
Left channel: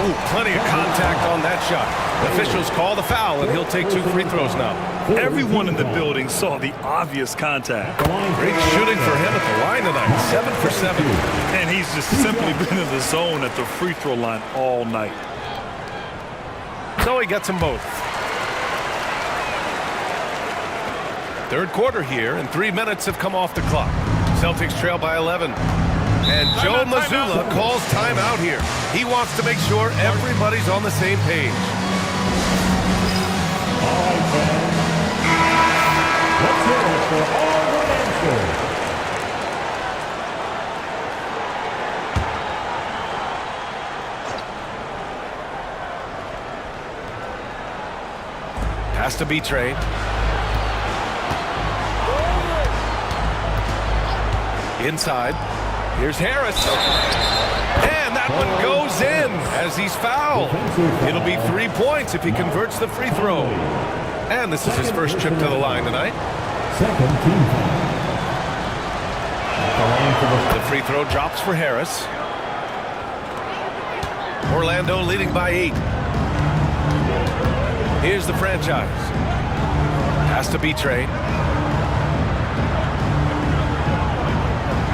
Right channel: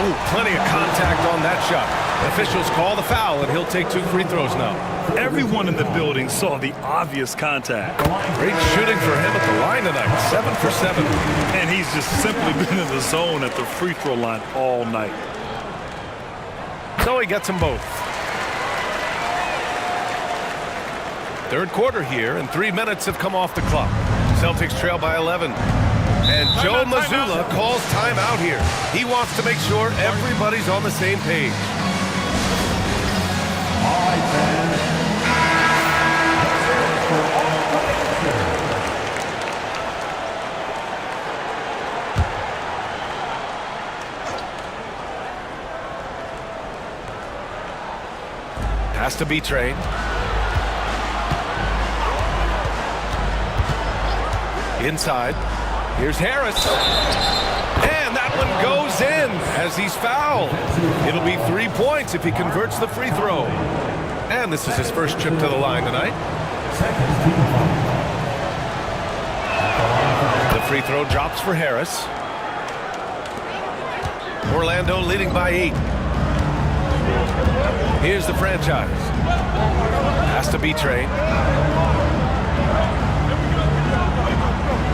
Oh, plenty of contact on that shot. Officials call the foul, and he'll take 2 free throws now. Everyone in the building saw the obvious contact. Great shooting for him at the line tonight, 7 for 7. And he's just simply been in the zone at the free throw line all night. So he gets them both. Third quarter here, and 3 minutes have come off the clock. Celtics trail by 11. And Joe Mazzulla calls timeout here. He wants to make sure everybody's on the same page. All right, fans. Let's hear it for all the dancers. Pass to B-Train. Inside. Here's Harris. And that one goes in as he's fouled. It'll be 3 points if he converts the free throw. And this is his first trip to the line tonight. Second team foul. The free throw drops for Harris. Orlando leading by 8. Here's the franchise. Pass to B-Train.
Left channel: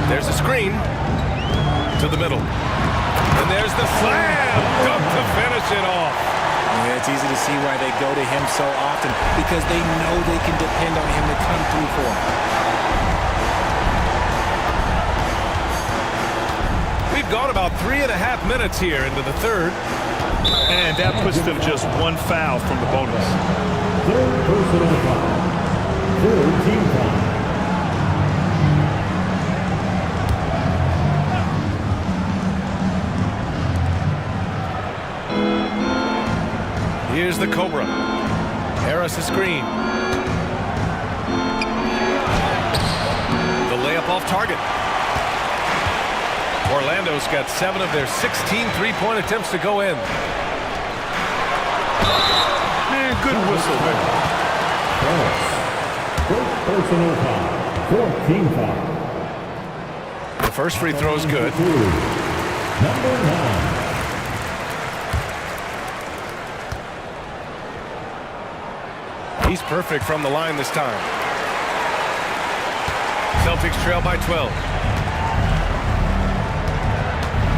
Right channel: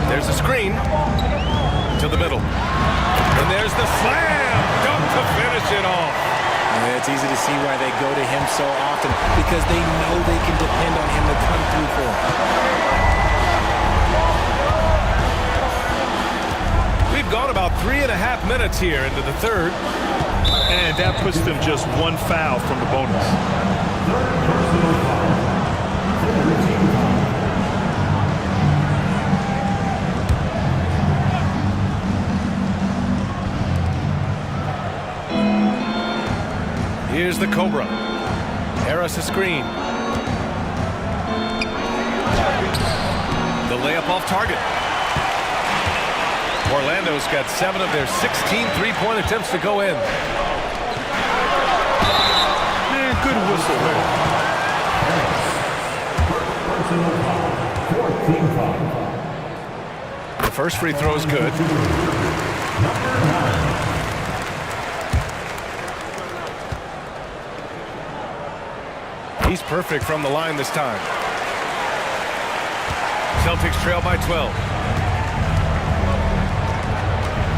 There's a screen to the middle. And there's the slam dunk to finish it off. Yeah, it's easy to see why they go to him so often, because they know they can depend on him to come through for them. We've gone about 3.5 minutes here into the third. And that puts them just 1 foul from the bonus. Third personal foul. Third team foul. Here's the Cobra. Harris a screen. The layup off target. Orlando's got 7 of their 16 three-point attempts to go in. Man, good whistle there. First personal foul. Fourth team foul. The first free throw is good. Number 9. He's perfect from the line this time. Celtics trail by 12.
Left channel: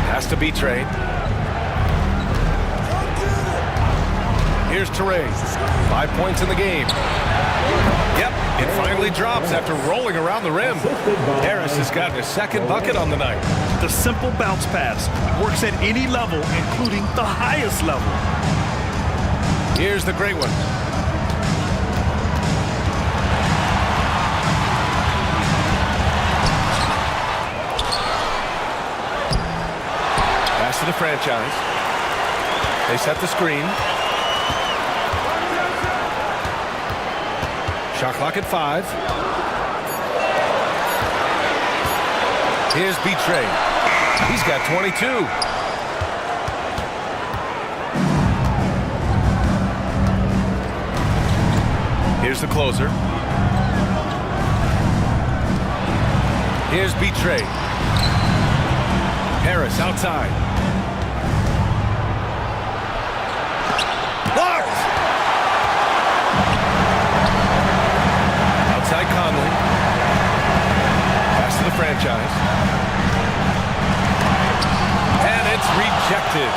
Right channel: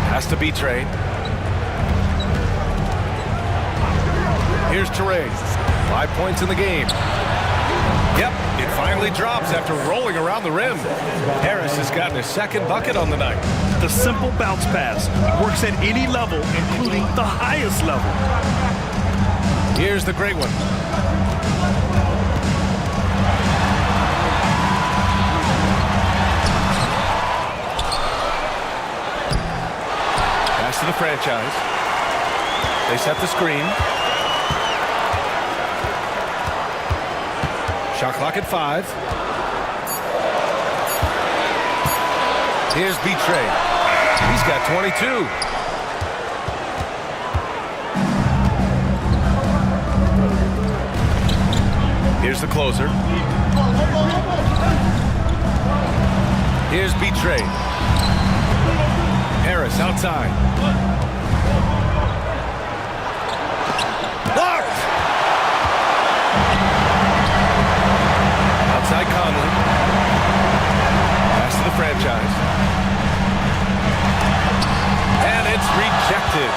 Has to be Trey. Here's Teray. 5 points in the game. Yep, it finally drops after rolling around the rim. Harris has gotten his second bucket on the night. The simple bounce pass works at any level, including the highest level. Here's the great one. Pass to the franchise. They set the screen. Shot clock at 5. Here's B-Train. He's got 22. Here's the closer. Here's B-Trade. Harris outside. Blocked! Outside Conley. Pass to the franchise. And it's rejected.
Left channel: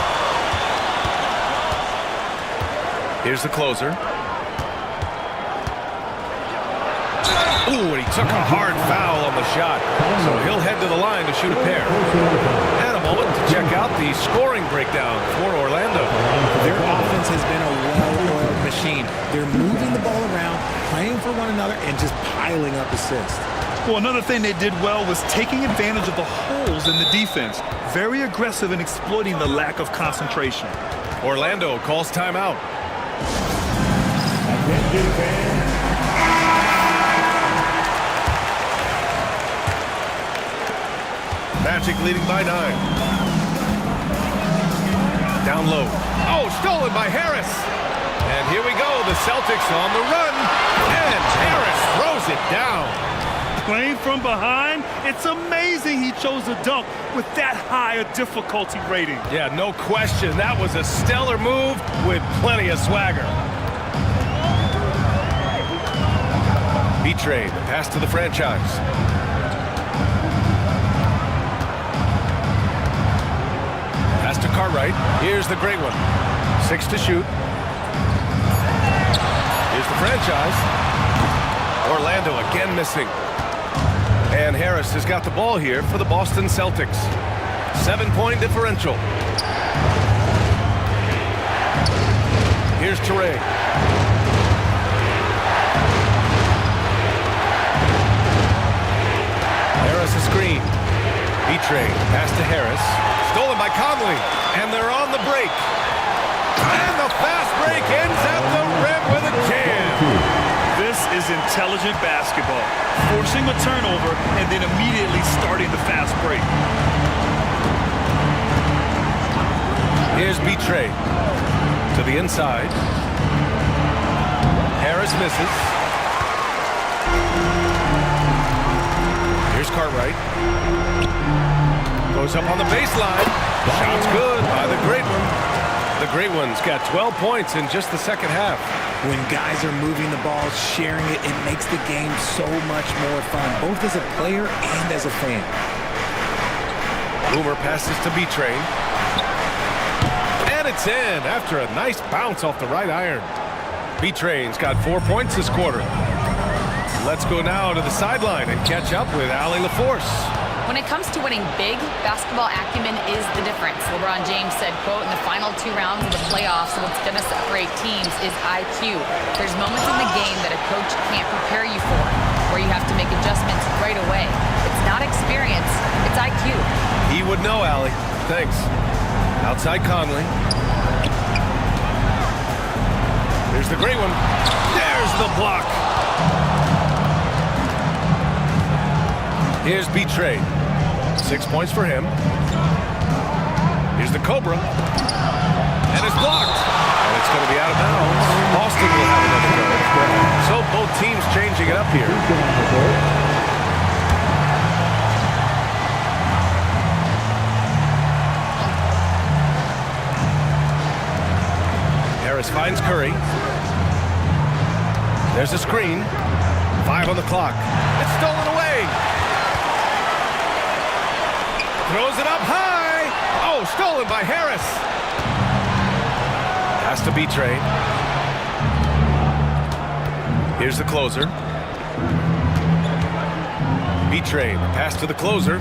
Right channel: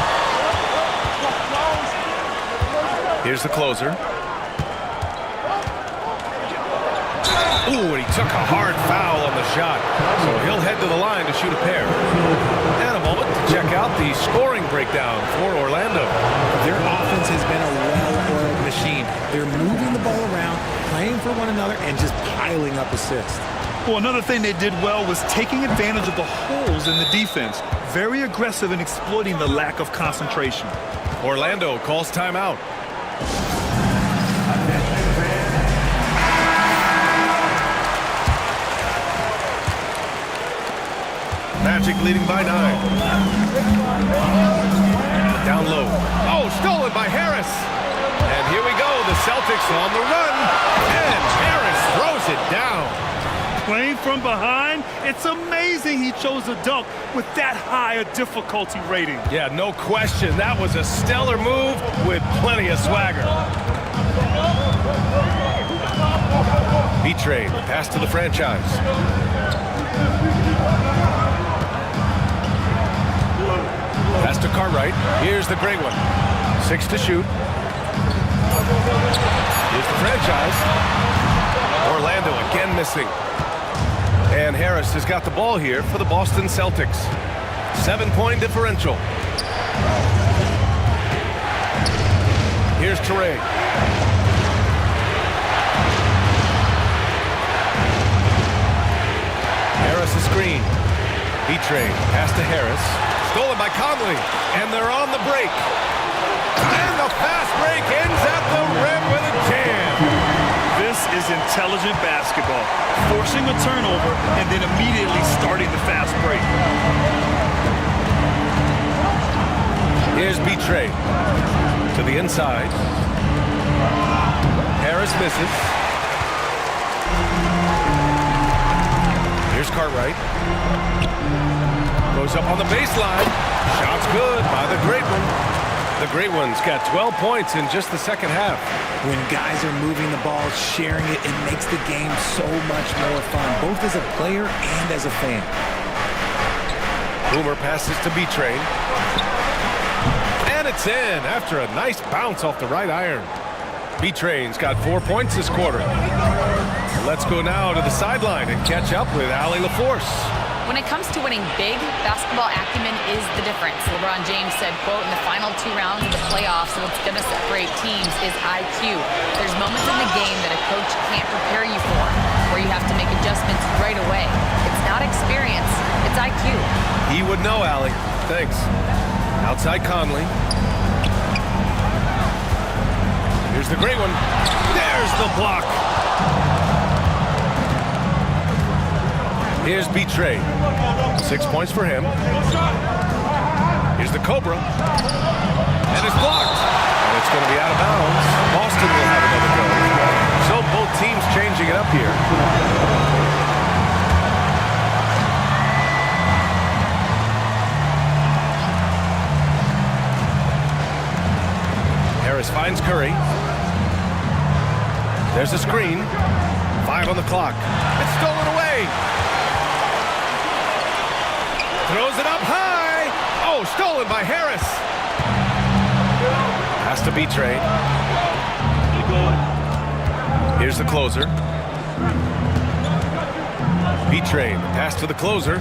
Here's the closer. Ooh, and he took a hard foul on the shot. So he'll head to the line to shoot a pair. And a moment to check out the scoring breakdown for Orlando. Their offense has been a well-oiled machine. They're moving the ball around, playing for one another, and just piling up assists. Well, another thing they did well was taking advantage of the holes in the defense. Very aggressive in exploiting the lack of concentration. Orlando calls timeout. Attention fans. Magic leading by 9. Down low. Oh, stolen by Harris. And here we go. The Celtics on the run. And Harris throws it down. Playing from behind, it's amazing he chose a dunk with that high a difficulty rating. Yeah, no question. That was a stellar move with plenty of swagger. B-Trade, pass to the franchise. Pass to Cartwright. Here's the great one. 6 to shoot. Here's the franchise. Orlando again missing. And Harris has got the ball here for the Boston Celtics. 7-point differential. Here's Teray. Harris a screen. B-Trade. Pass to Harris. Stolen by Conley. And they're on the break. And the fast break ends at the rim with a jam. This is intelligent basketball. Forcing a turnover and then immediately starting the fast break. Here's B-Trade. To the inside. Harris misses. Here's Cartwright. Goes up on the baseline. Shot's good by the great one. The great one's got 12 points in just the second half. When guys are moving the ball, sharing it, it makes the game so much more fun, both as a player and as a fan. Boomer passes to B-Train. And it's in after a nice bounce off the right iron. B-Train's got 4 points this quarter. Let's go now to the sideline and catch up with Allie LaForce. When it comes to winning big, basketball acumen is the difference. LeBron James said, quote, in the final 2 rounds of the playoffs, what's going to separate teams is IQ. There's moments in the game that a coach can't prepare you for, where you have to make adjustments right away. It's not experience, it's IQ. He would know, Allie. Thanks. Outside Conley. Here's the great one. There's the block. Here's B-Trade. 6 points for him. Here's the Cobra. And it's blocked. And it's going to be out of bounds. Boston will have another go. So both teams changing it up here. Harris finds Curry. There's a screen. 5 on the clock. It's stolen away. Throws it up high. Oh, stolen by Harris. Has to be trade. Here's the closer. B-Train, the pass to the closer.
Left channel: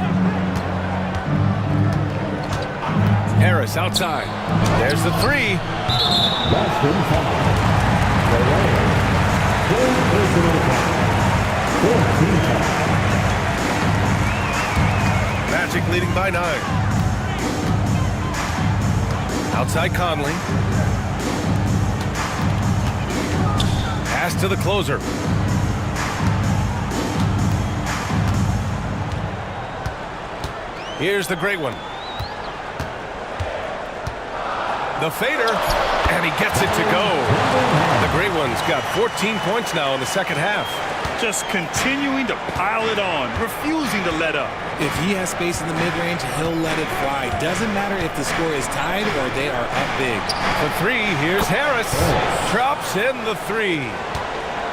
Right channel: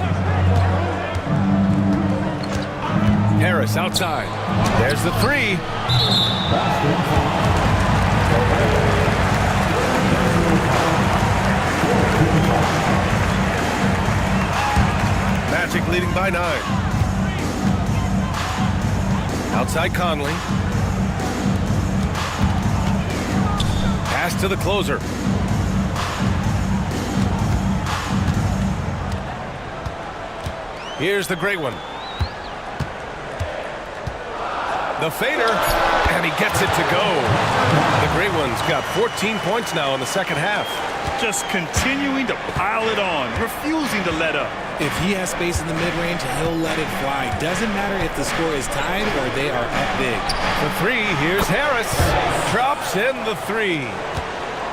Harris outside. There's the 3. Boston foul. Personal foul. 14 foul. Magic leading by 9. Outside Conley. Pass to the closer. Here's the great one. The fader, and he gets it to go. The great one's got 14 points now in the second half. just continuing to pile it on, refusing to let up. If he has space in the mid-range, he'll let it fly. Doesn't matter if the score is tied or they are up big. The three, here's Harris. Drops in the three.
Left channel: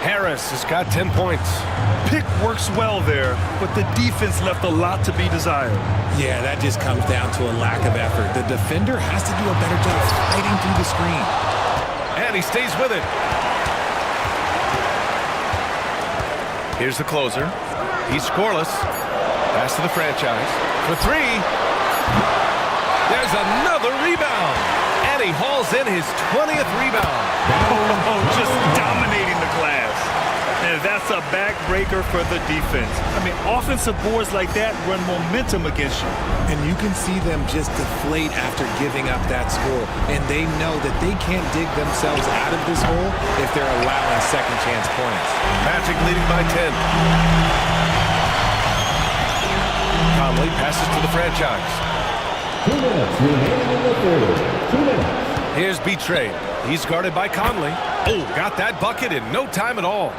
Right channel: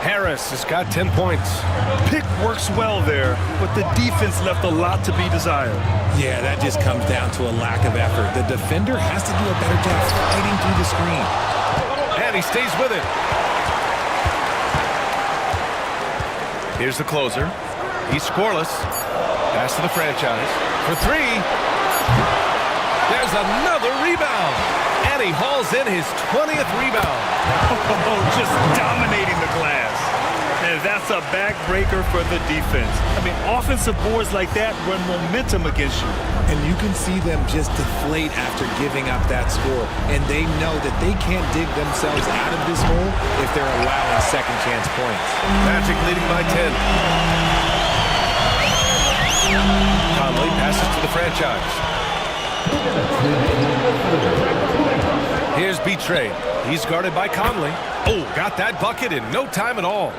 Harris has got 10 points. Pick works well there, but the defense left a lot to be desired. Yeah, that just comes down to a lack of effort. The defender has to do a better job fighting through the screen. And he stays with it. Here's the closer. He's scoreless. Pass to the franchise. For three. There's another rebound. And he hauls in his 20th rebound. Oh, just dominating the glass. And that's a backbreaker for the defense. I mean, offensive boards like that run momentum against you. And you can see them just deflate after giving up that score. And they know that they can't dig themselves out of this hole if they're allowing second chance points. Magic leading by 10. Conley passes to the franchise. 2 minutes remaining in the third. 2 minutes. Here's B-Trade. He's guarded by Conley. Oh, got that bucket in no time at all.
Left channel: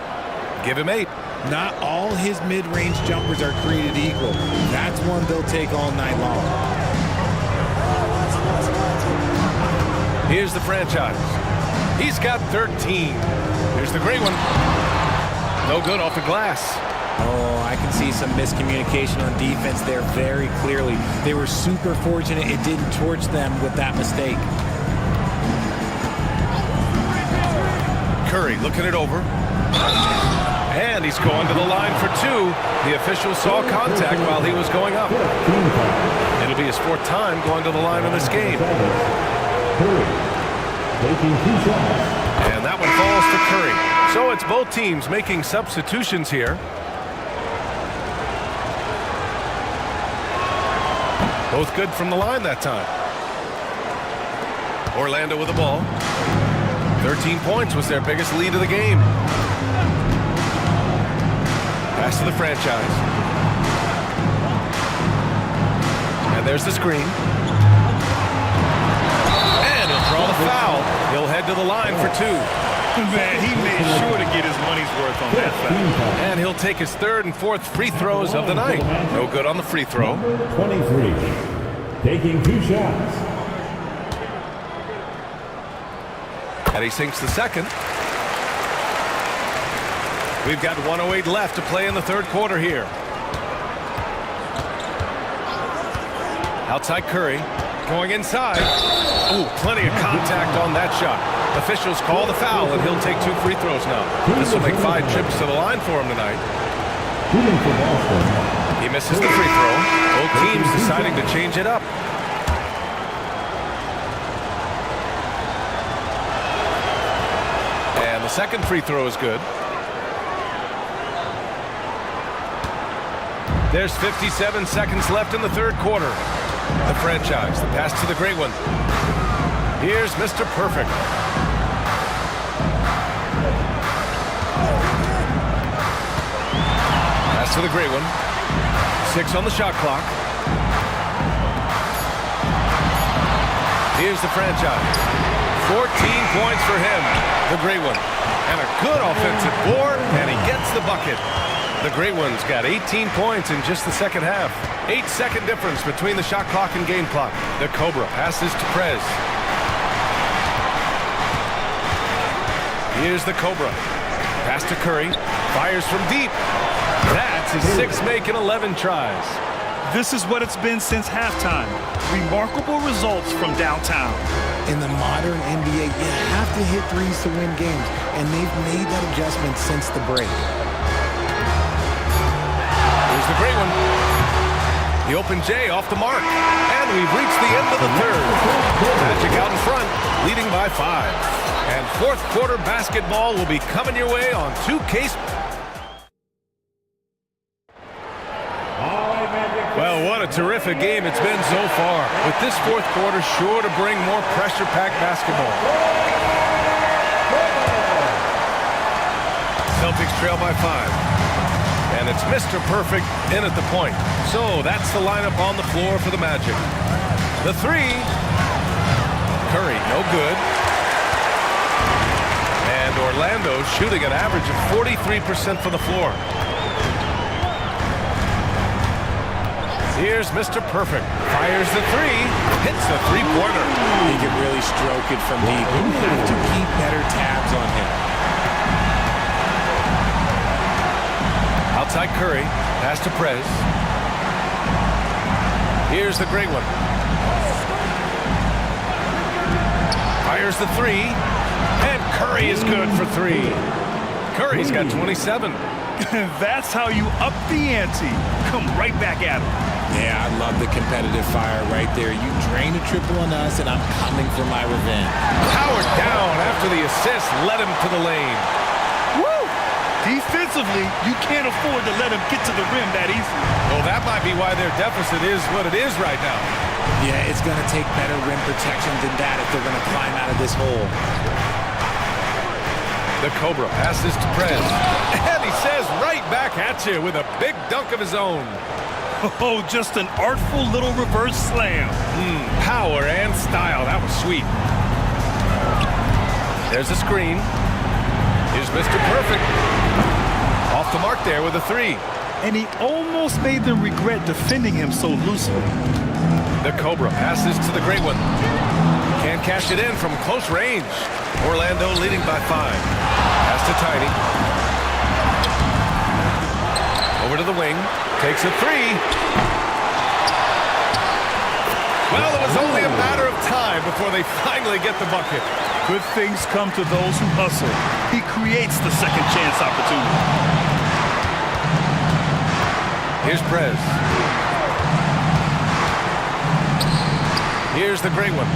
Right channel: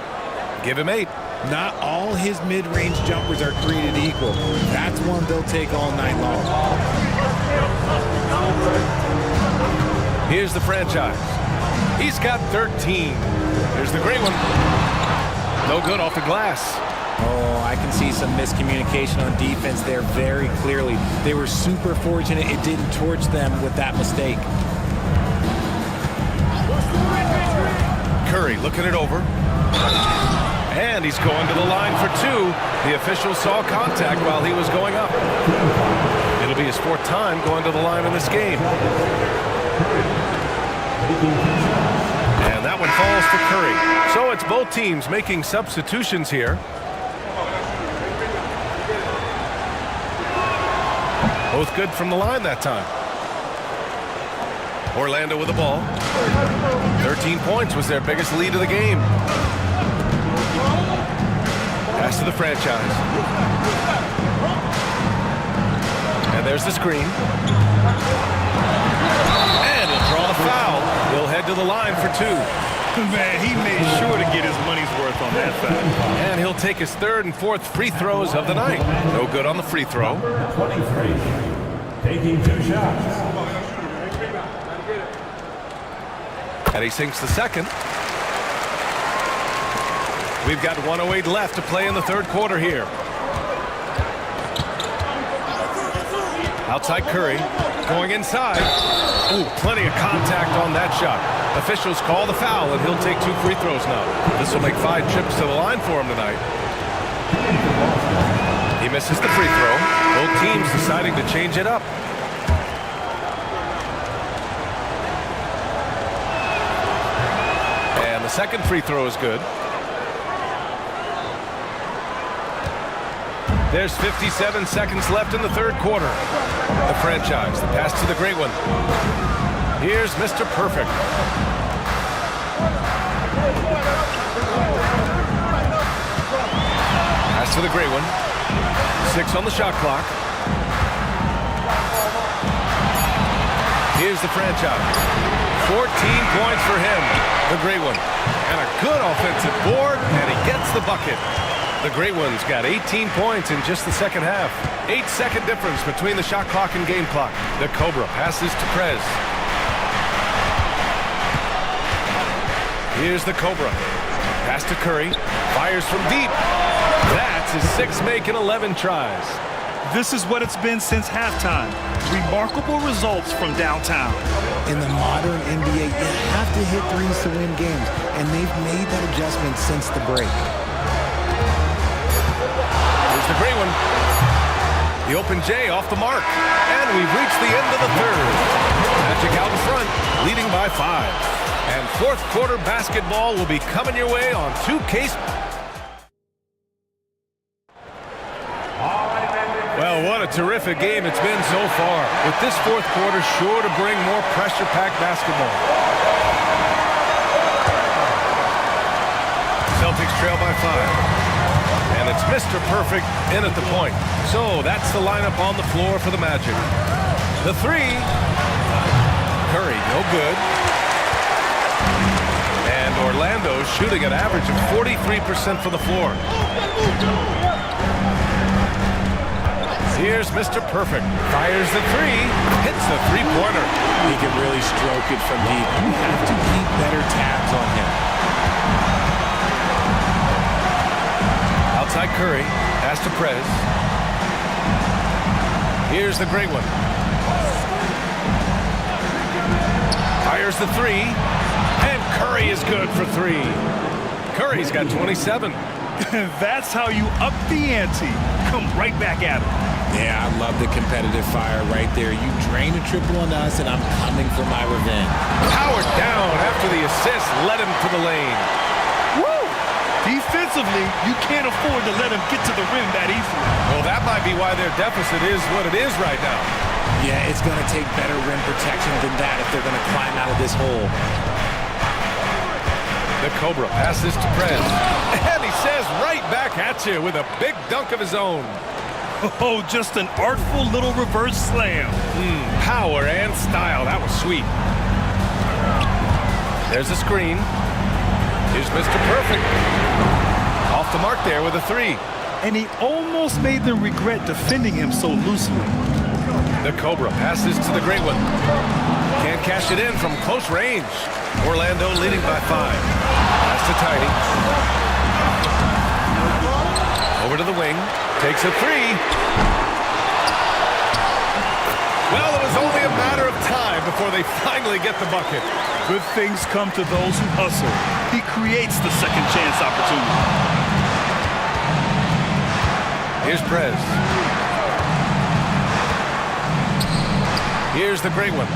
Give him 8. Not all his mid-range jumpers are created equal. That's one they'll take all night long. Here's the franchise. He's got 13. Here's the great one. No good off the glass. Oh, I can see some miscommunication on defense there very clearly. They were super fortunate it didn't torch them with that mistake. Curry looking it over. And he's going to the line for 2. The official saw contact while he was going up. It'll be his 4th time going to the line in this game. And that one falls to Curry. So it's both teams making substitutions here. Both good from the line that time. Orlando with the ball. 13 points was their biggest lead of the game. Pass to the franchise. And there's the screen. And he'll draw the foul. He'll head to the line for 2. Man, he made sure to get his money's worth on that foul. And he'll take his 3rd and 4th free throws of the night. No good on the free throw. 23. Taking 2 shots. And he sinks the second. We've got 1:08 left to play in the 3rd quarter here. Outside Curry. Going inside. Oh, plenty of contact on that shot. Officials call the foul, and he'll take 2 free throws now. This will make 5 trips to the line for him tonight. Shooting for Boston. He misses the free throw. Both teams deciding to change it up. And the second free throw is good. There's 57 seconds left in the 3rd quarter. The franchise, the pass to the great one. Here's Mr. Perfect. Pass to the great one. 6 on the shot clock. Here's the franchise. 14 points for him, the great one. And a good offensive board, and he gets the bucket. The great one's got 18 points in just the second half. 8-second difference between the shot clock and game clock. The Cobra passes to Prez. Here's the Cobra. Pass to Curry. Fires from deep. That's his 6th make in 11 tries. This is what it's been since halftime. Remarkable results from downtown. In the modern NBA, you have to hit threes to win games, and they've made that adjustment since the break. Here's the great one. The open J off the mark. And we've reached the end of the 3rd. Magic out in front, leading by 5. And 4th quarter basketball will be coming your way on 2K. Well, what a terrific game it's been so far. With this 4th quarter sure to bring more pressure-packed basketball. Celtics trail by 5. And it's Mr. Perfect in at the point. So that's the lineup on the floor for the Magic. The 3. Curry, no good. And Orlando shooting an average of 43% from the floor. Here's Mr. Perfect. Fires the three. Hits the three-pointer. He can really stroke it from deep. You have to keep better tabs on him. Outside Curry. Pass to Prez. Here's the great one. Fires the three. And Curry is good for three. Curry's got 27. That's how you up the ante. Come right back at him. Yeah, I love the competitive fire right there. You drain a triple on us, and I'm coming for my revenge. Powered down after the assist led him to the lane. Woo! Defensively, you can't afford to let him get to the rim that easily. Well, that might be why their deficit is what it is right now. Yeah, it's going to take better rim protection than that if they're going to climb out of this hole. The Cobra passes to Prez. And he says right back at you with a big dunk of his own. Oh, just an artful little reverse slam. Power and style. That was sweet. There's a screen. Here's Mr. Perfect. Off the mark there with a three. And he almost made them regret defending him so loosely. The Cobra passes to the great one. Can't cash it in from close range. Orlando leading by 5. Pass to Tiny. Over to the wing. Takes a three. Well, it was only a matter of time before they finally get the bucket. Good things come to those who hustle. He creates the second chance opportunity. Here's Prez. Here's the great one.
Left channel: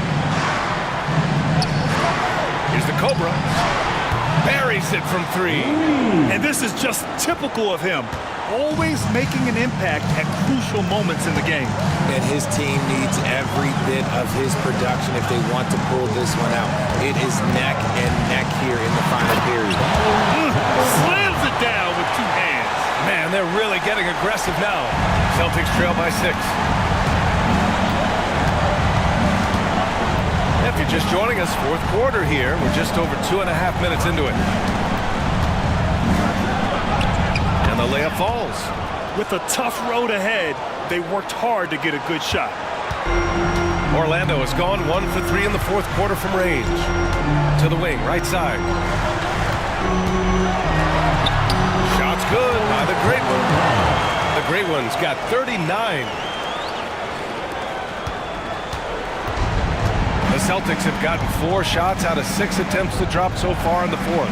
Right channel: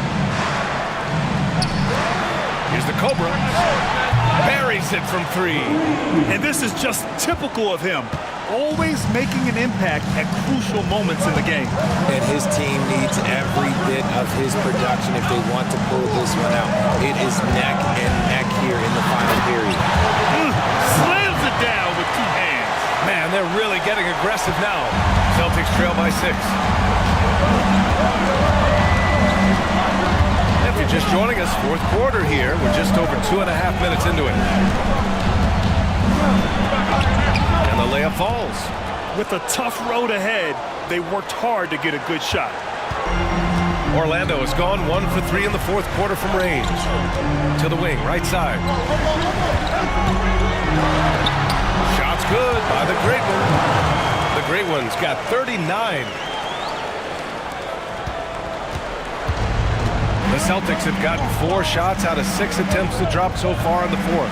Here's the Cobra. Buries it from 3. And this is just typical of him. Always making an impact at crucial moments in the game. And his team needs every bit of his production if they want to pull this one out. It is neck and neck here in the final period. Slams it down with 2 hands. Man, they're really getting aggressive now. Celtics trail by 6. If you're just joining us, 4th quarter here. We're just over 2.5 minutes into it. And the layup falls. With a tough road ahead, they worked hard to get a good shot. Orlando has gone 1 for 3 in the 4th quarter from range. To the wing, right side. Shot's good by the great one. The great one's got 39. The Celtics have gotten 4 shots out of 6 attempts to drop so far in the 4th.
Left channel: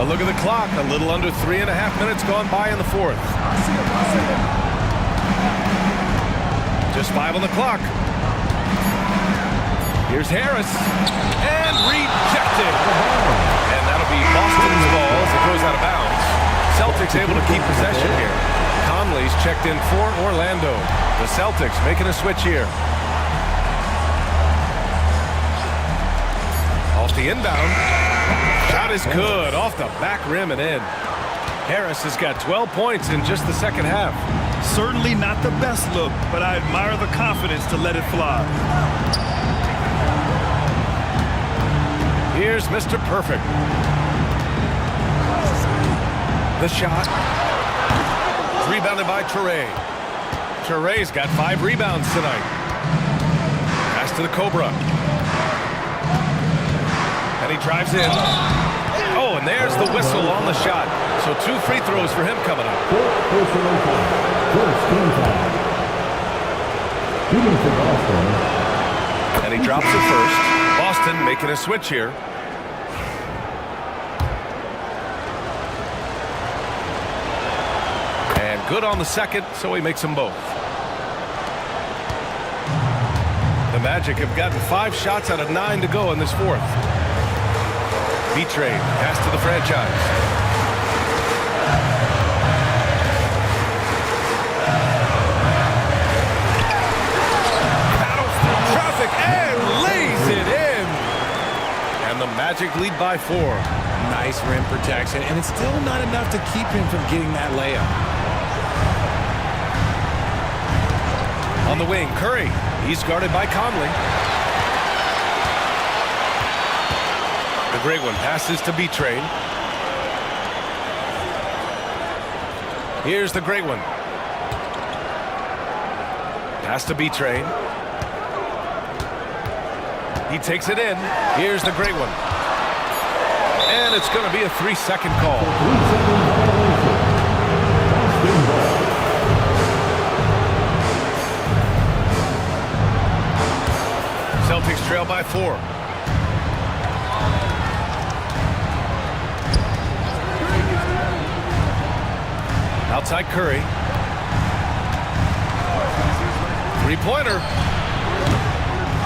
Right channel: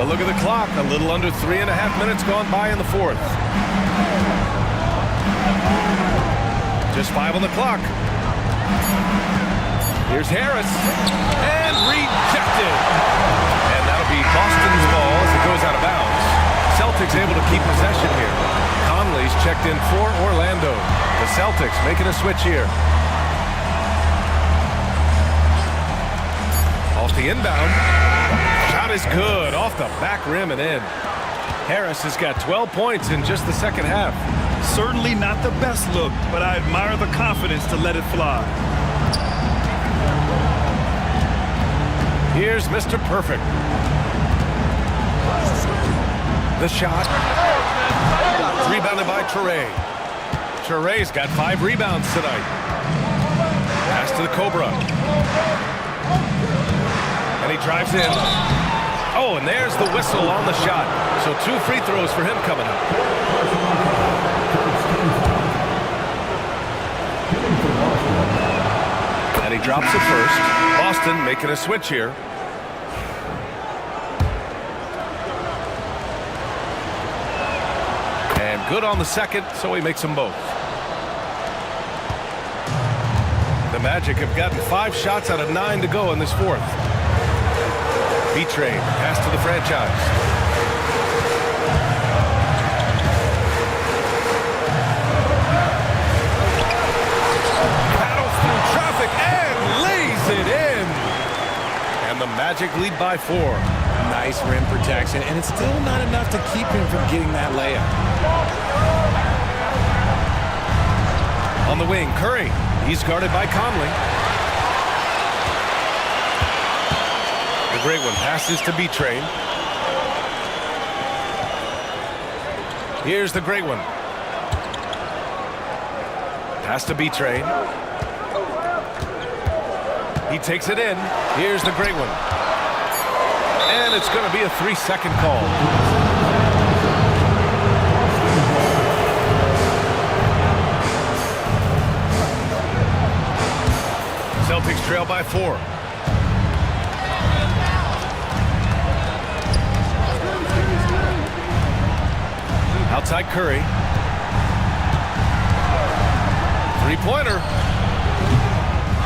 A look at the clock, a little under 3.5 minutes gone by in the 4th. Just 5 on the clock. Here's Harris, and rejected. And that'll be Boston's ball as it goes out of bounds. Celtics able to keep possession here. Conley's checked in for Orlando. The Celtics making a switch here. Off the inbound. Shot is good. Off the back rim and in. Harris has got 12 points in just the second half. Certainly not the best look, but I admire the confidence to let it fly. Here's Mr. Perfect. The shot. Rebounded by Toure. Toure's got 5 rebounds tonight. Pass to the Cobra. And he drives in. Oh, and there's the whistle on the shot. So 2 free throws for him coming up. And he drops it first. Boston making a switch here. And good on the second, so he makes them both. The Magic have gotten 5 shots out of 9 to go in this 4th. B-Trade, pass to the franchise. Battles through traffic and lays it in. And the Magic lead by 4. Nice rim protection, and it's still not enough to keep him from getting that layup. On the wing, Curry. He's guarded by Conley. The great one passes to B-Train. Here's the great one. Pass to B-Train. He takes it in. Here's the great one. And it's going to be a 3-second call. Celtics trail by 4. Outside Curry. Three-pointer.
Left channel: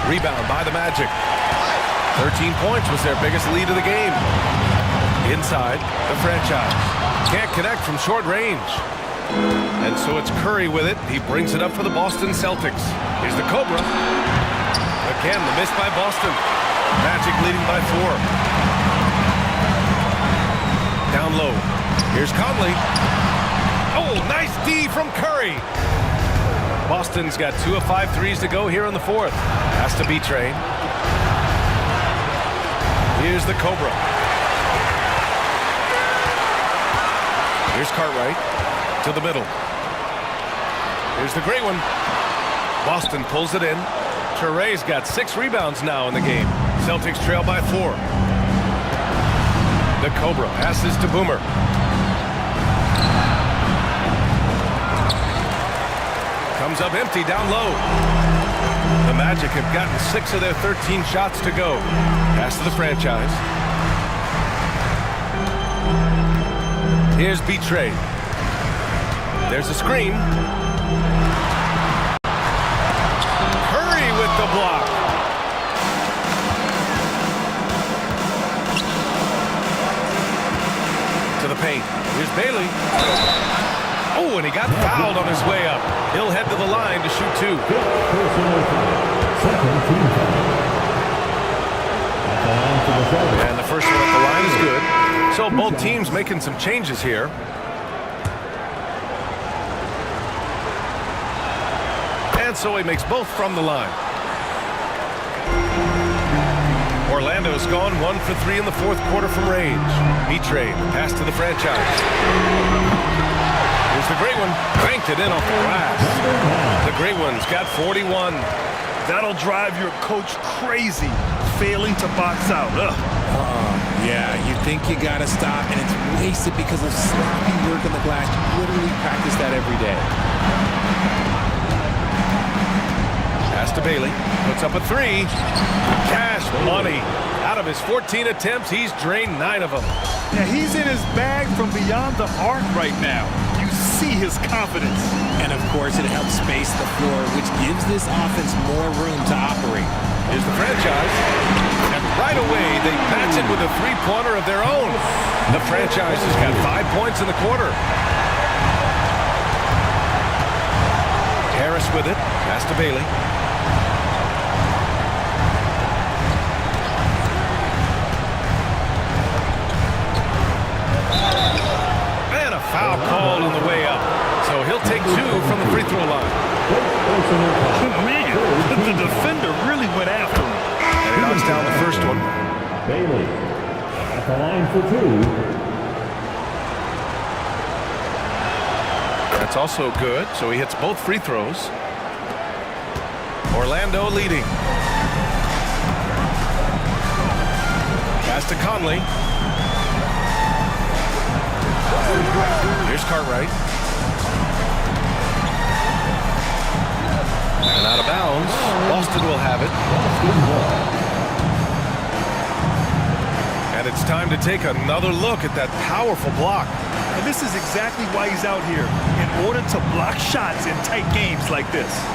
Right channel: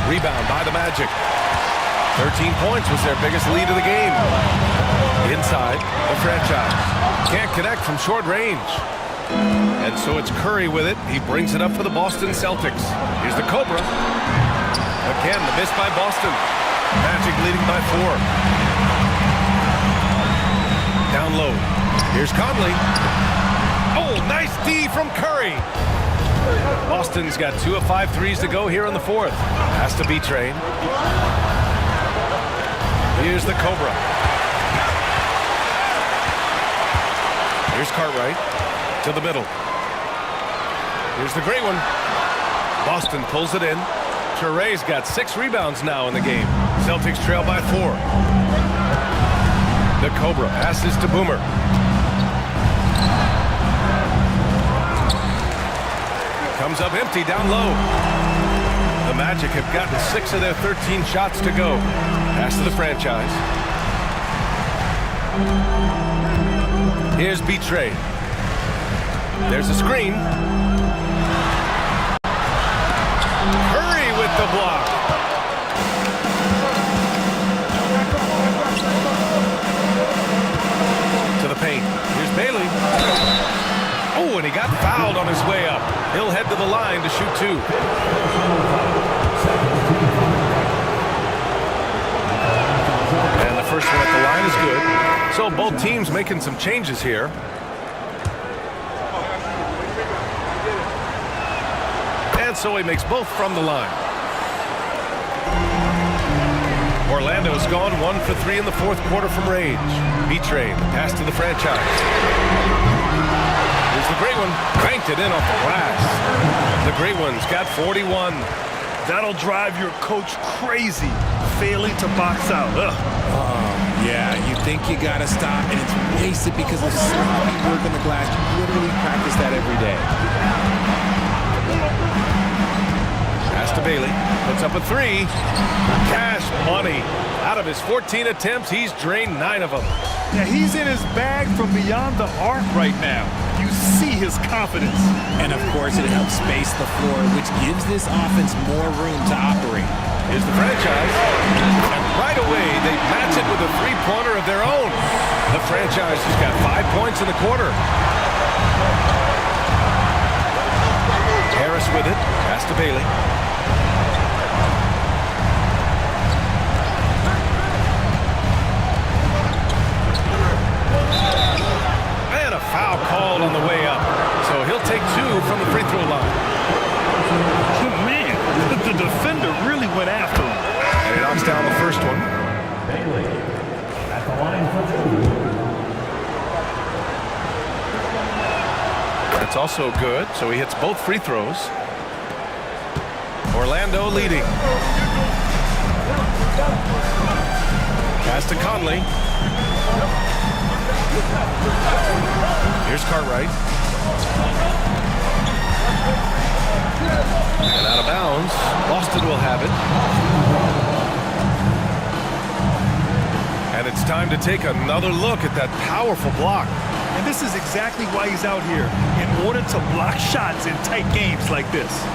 Rebound by the Magic. 13 points was their biggest lead of the game. Inside, the franchise. Can't connect from short range. And so it's Curry with it. He brings it up for the Boston Celtics. Here's the Cobra. Again, the miss by Boston. Magic leading by 4. Down low. Here's Conley. Oh, nice D from Curry. Boston's got 2 of 5 threes to go here in the 4th. Has to be Train. Here's the Cobra. Here's Cartwright to the middle. Here's the great one. Boston pulls it in. Touré's got 6 rebounds now in the game. Celtics trail by 4. The Cobra passes to Boomer. Comes up empty down low. The Magic have gotten 6 of their 13 shots to go. Pass to the franchise. Here's B-Train. There's a screen. Curry with the block. To the paint. Here's Bailey. Oh, and he got fouled on his way up. He'll head to the line to shoot 2. And the first one at the line is good. So both teams making some changes here. And so he makes both from the line. Orlando's gone 1 for 3 in the 4th quarter from range. B-Train, the pass to the franchise. Here's the great one. Cranked it in off the glass. The great one's got 41. That'll drive your coach crazy, failing to box out. Yeah, you think you gotta stop, and it's wasted because of sloppy work on the glass. You literally practice that every day. Pass to Bailey. Puts up a 3. Cash money. Out of his 14 attempts, he's drained 9 of them. Yeah, he's in his bag from beyond the arc right now. You see his confidence. And of course, it helps space the floor, which gives this offense more room to operate. Here's the franchise. And right away, they match it with a 3-pointer of their own. The franchise has got 5 points in the quarter. Harris with it. Pass to Bailey. And a foul called on the way up. So he'll take 2 from the free throw line. Man, the defender really went after him. And he knocks down the first one. Bailey at the line for 2. That's also good. So he hits both free throws. Orlando leading. Pass to Conley. Here's Cartwright. And out of bounds. Boston will have it. And it's time to take another look at that powerful block. And this is exactly why he's out here, in order to block shots in tight games like this.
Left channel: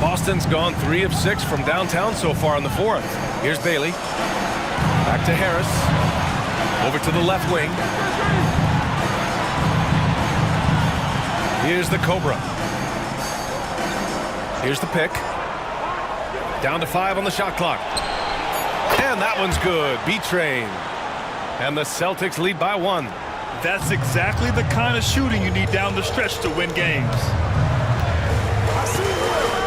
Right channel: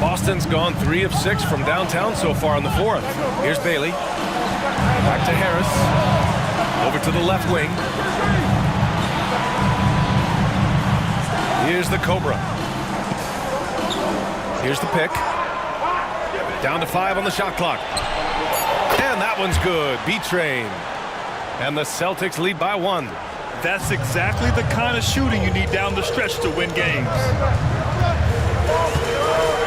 Boston's gone 3 of 6 from downtown so far in the 4th. Here's Bailey. Back to Harris. Over to the left wing. Here's the Cobra. Here's the pick. Down to 5 on the shot clock. And that one's good. B-Train. And the Celtics lead by 1. That's exactly the kind of shooting you need down the stretch to win games.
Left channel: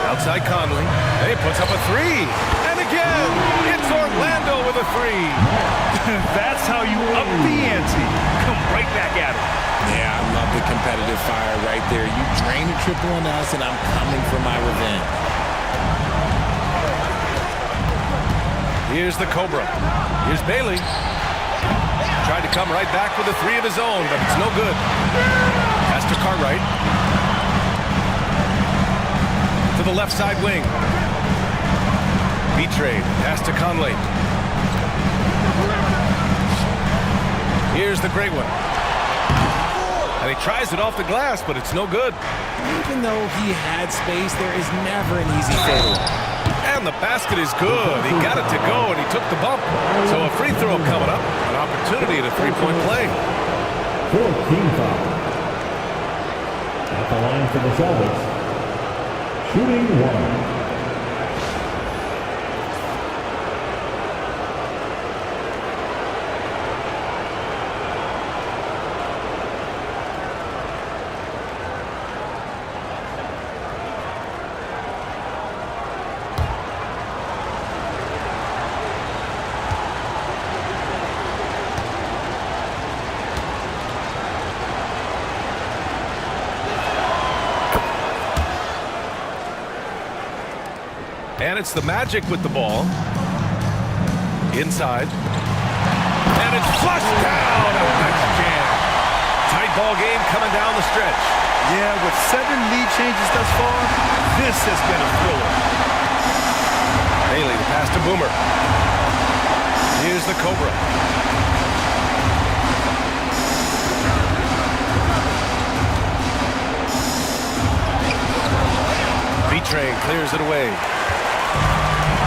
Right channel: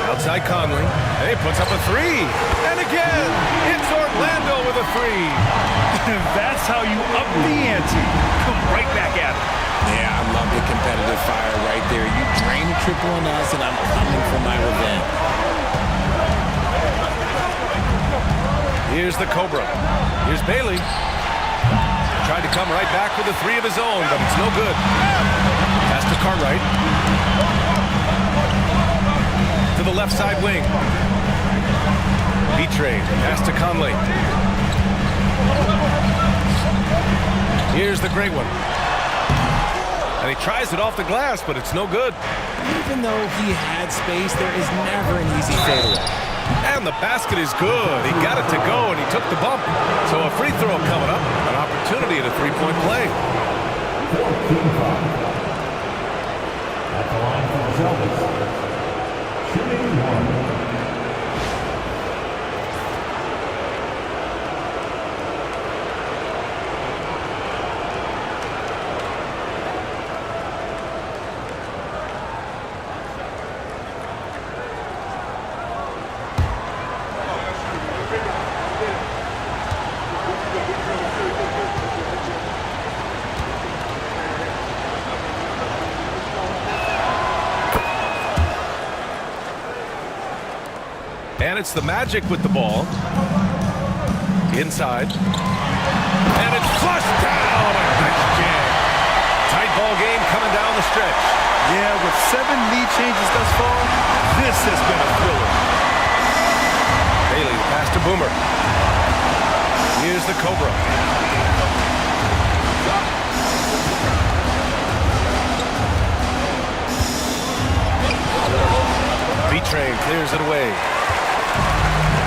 Outside Conley. He puts up a 3. And again. It's Orlando with a three. That's how you up the ante. Come right back at him. Yeah, I love the competitive fire right there. You drain a triple on us, and I'm coming for my revenge. Here's the Cobra. Here's Bailey. Tried to come right back with a three of his own, but it's no good. Pass to Cartwright. To the left side wing. B-Trade. Pass to Conley. Here's the great one. And he tries it off the glass, but it's no good. Even though he had space, there is never an easy fadeaway. And the basket is good. He got it to go, and he took the bump. So a free throw coming up. An opportunity at a three-point play. 14 foul. At the line for the Celtics. Shooting one. And it's the Magic with the ball. Inside. And it's flushed down. A nice jam. Tight ball game coming down the stretch. Yeah, with 7 lead changes thus far, this has been a thriller. Bailey, the pass to Boomer. Here's the Cobra. V-Train clears it away.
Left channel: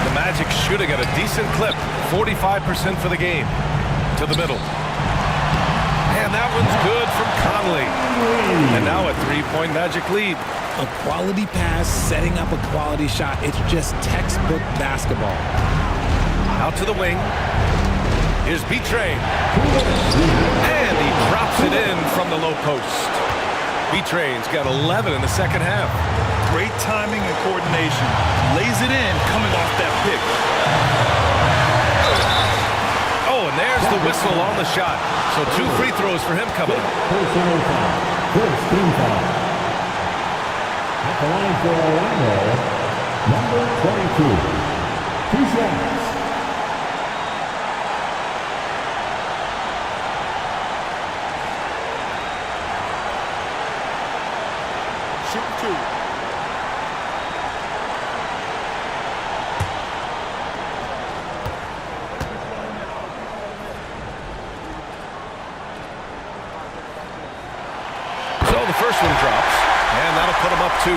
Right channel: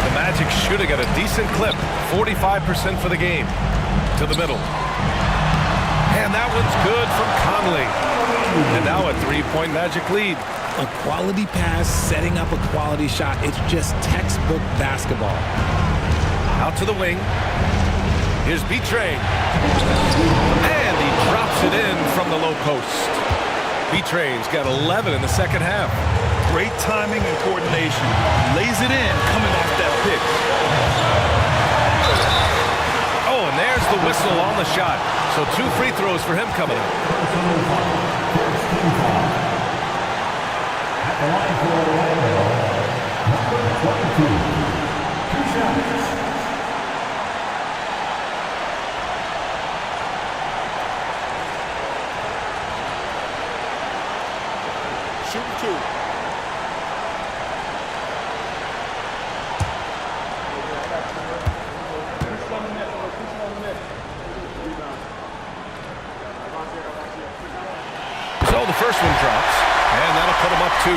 The Magic shooting at a decent clip. 45% for the game. To the middle. And that one's good from Conley. And now a three-point Magic lead. A quality pass, setting up a quality shot. It's just textbook basketball. Out to the wing. Here's B-Train. And he drops it in from the low post. B-Train's got 11 in the second half. Great timing and coordination. Lays it in coming off that pick. Oh, and there's the whistle on the shot. So 2 free throws for him coming up. Personal foul. First team foul. At the line for Orlando, number 22. 2 shots. Shooting 2. So the first one drops, and that'll put him up 2.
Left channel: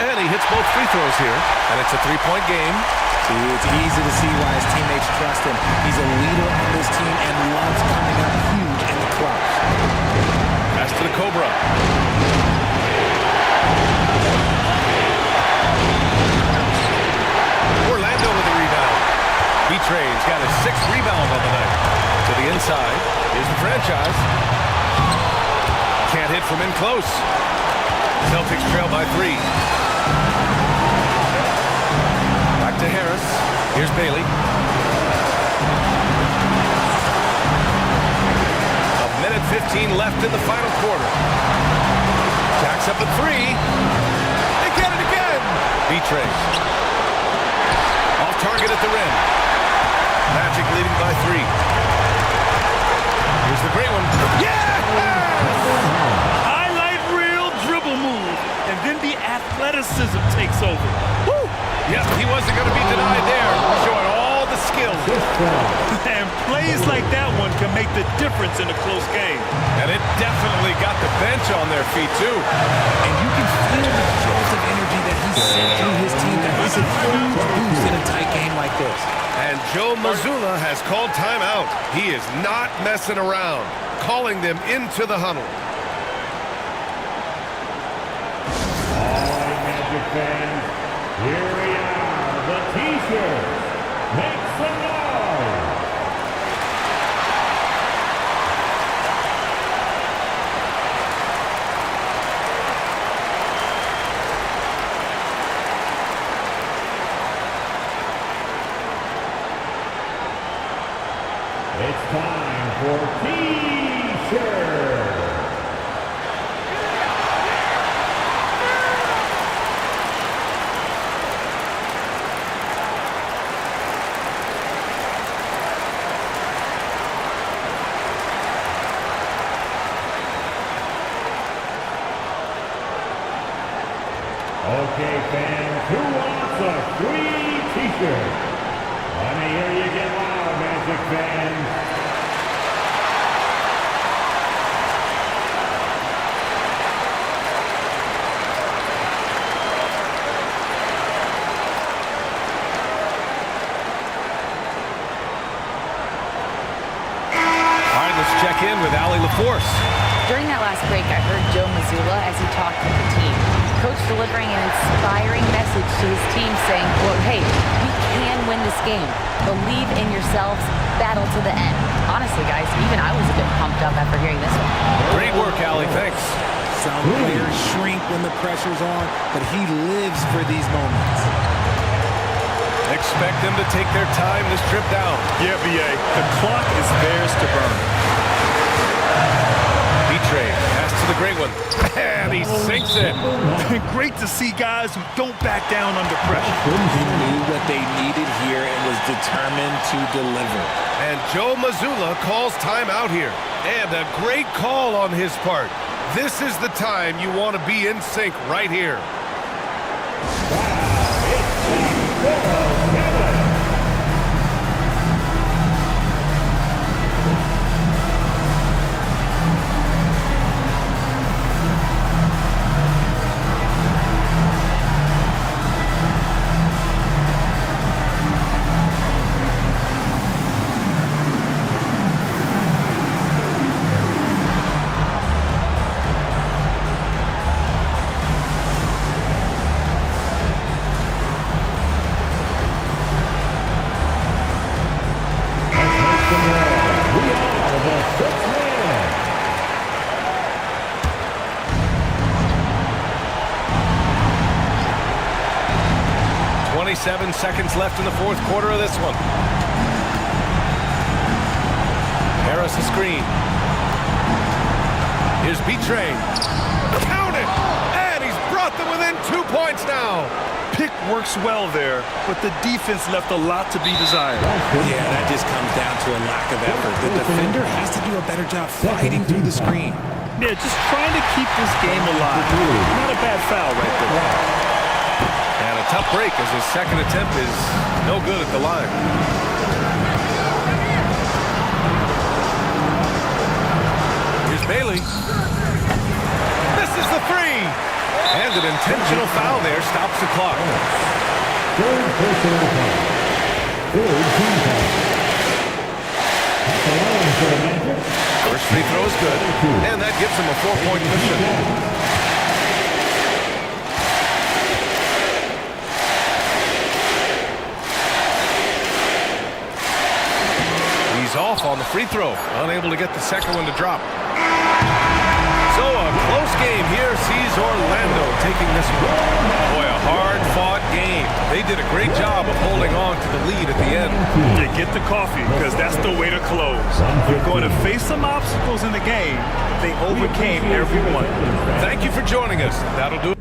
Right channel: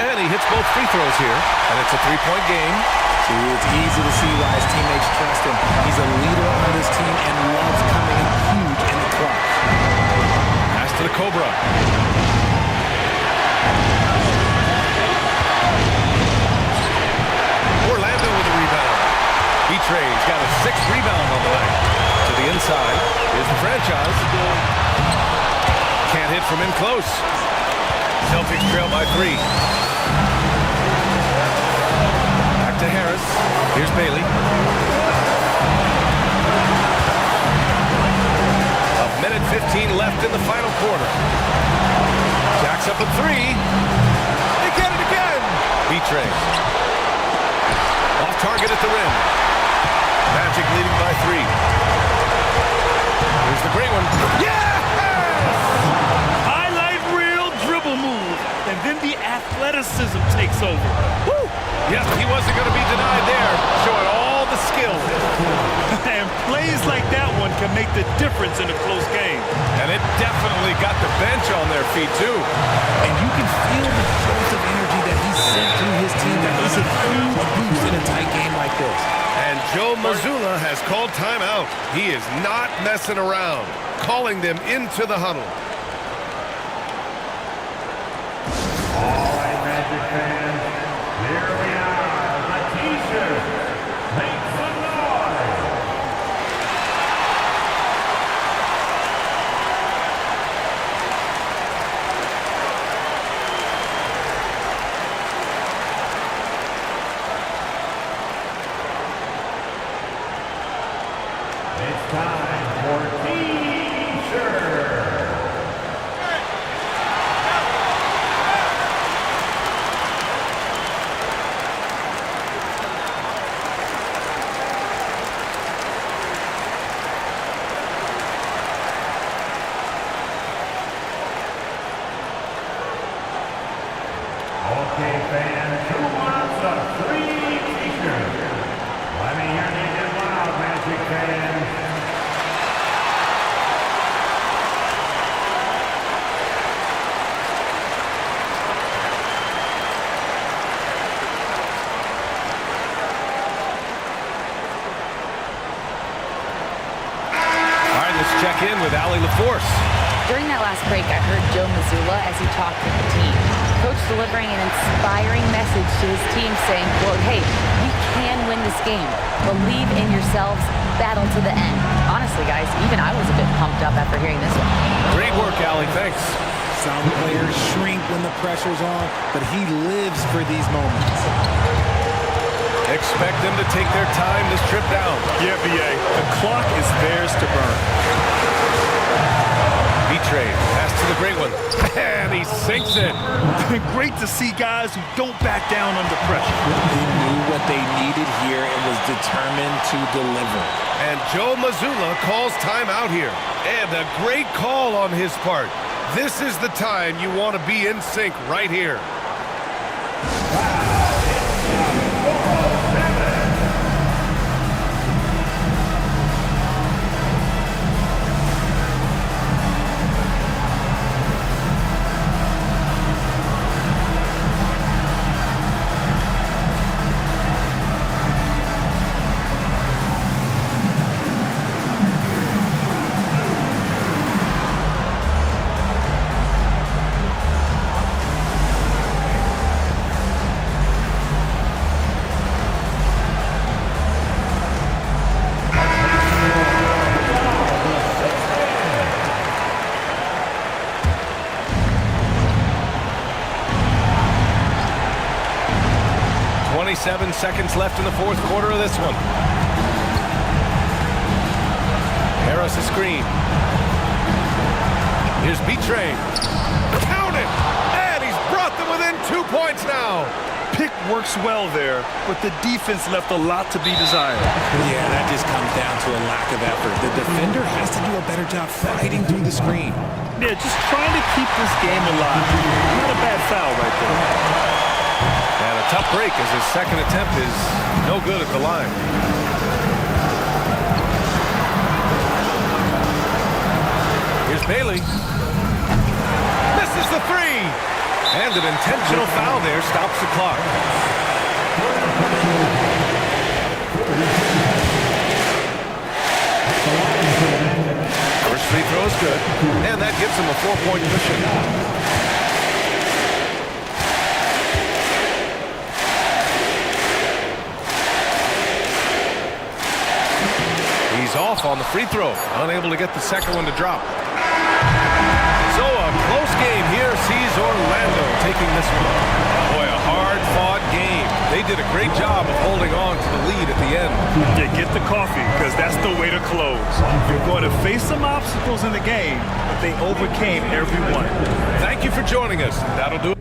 And he hits both free throws here, and it's a 3-point game. See, it's easy to see why his teammates trust him. He's a leader on this team and loves coming up huge in the clutch. Pass to the Cobra. Orlando with a rebound. B-Train's got his 6th rebound on the night. To the inside. Here's the franchise. Can't hit from in close. Celtics trail by 3. Back to Harris. Here's Bailey. A minute 15 left in the final quarter. Jacks up a 3. They get it again. B-Train. Off target at the rim. Magic leading by 3. Here's the great one. Yes! Highlight reel dribble move. And then the athleticism takes over. Woo! Yep, he wasn't going to be denied there. Showing all the skill. And plays like that one can make the difference in a close game. And it definitely got the bench on their feet, too. And you can feel the jolt of energy that he sent through his team. That is a huge boost in a tight game like this. And Joe Mazzulla has called timeout. He is not messing around, calling them into the huddle. fans, here we are, the T-shirt. Make some noise. It's time for T-shirt. Okay, fans, who wants a free T-shirt? Let me hear you get loud, Magic fans. All right, let's check in with Allie LaForce. During that last break, I heard Joe Mazzulla as he talked with the team. Coach delivering an inspiring message to his team saying, quote, hey, we can win this game. Believe in yourselves. Battle to the end. Honestly, guys, even I was a bit pumped up after hearing this one. Great work, Allie. Thanks. Some players shrink when the pressure's on, but he lives for these moments. Expect them to take their time this trip down. Yeah, B.A. The clock is theirs to burn. B-Trade. Pass to the great one. And he sinks it. Great to see guys who don't back down under pressure. He knew what they needed here and was determined to deliver. And Joe Mazzulla calls timeout here. And a great call on his part. This is the time you want to be in sync right here. Seven seconds left in the fourth quarter of this one. Harris a screen. Here's B-Train. Count it! And he's brought them within 2 points now. Pick works well there, but the defense left a lot to be desired. Yeah, that just comes down to a lack of effort. The defender has to do a better job fighting through the screen. Yeah, just trying to keep this game alive. Not a bad foul right there. And a tough break as his second attempt is no good at the line. Here's Bailey. Misses the three. And an intentional foul there stops the clock. First free throw is good. And that gives him a 4-point cushion. He's off on the free throw, unable to get the second one to drop. So a close game here sees Orlando taking this one. Boy, a hard-fought game. They did a great job of holding on to the lead at the end. Yeah, get the coffee, because that's the way to close. You're going to face some obstacles in the game, but they overcame every one. Thank you for joining us. That'll do it.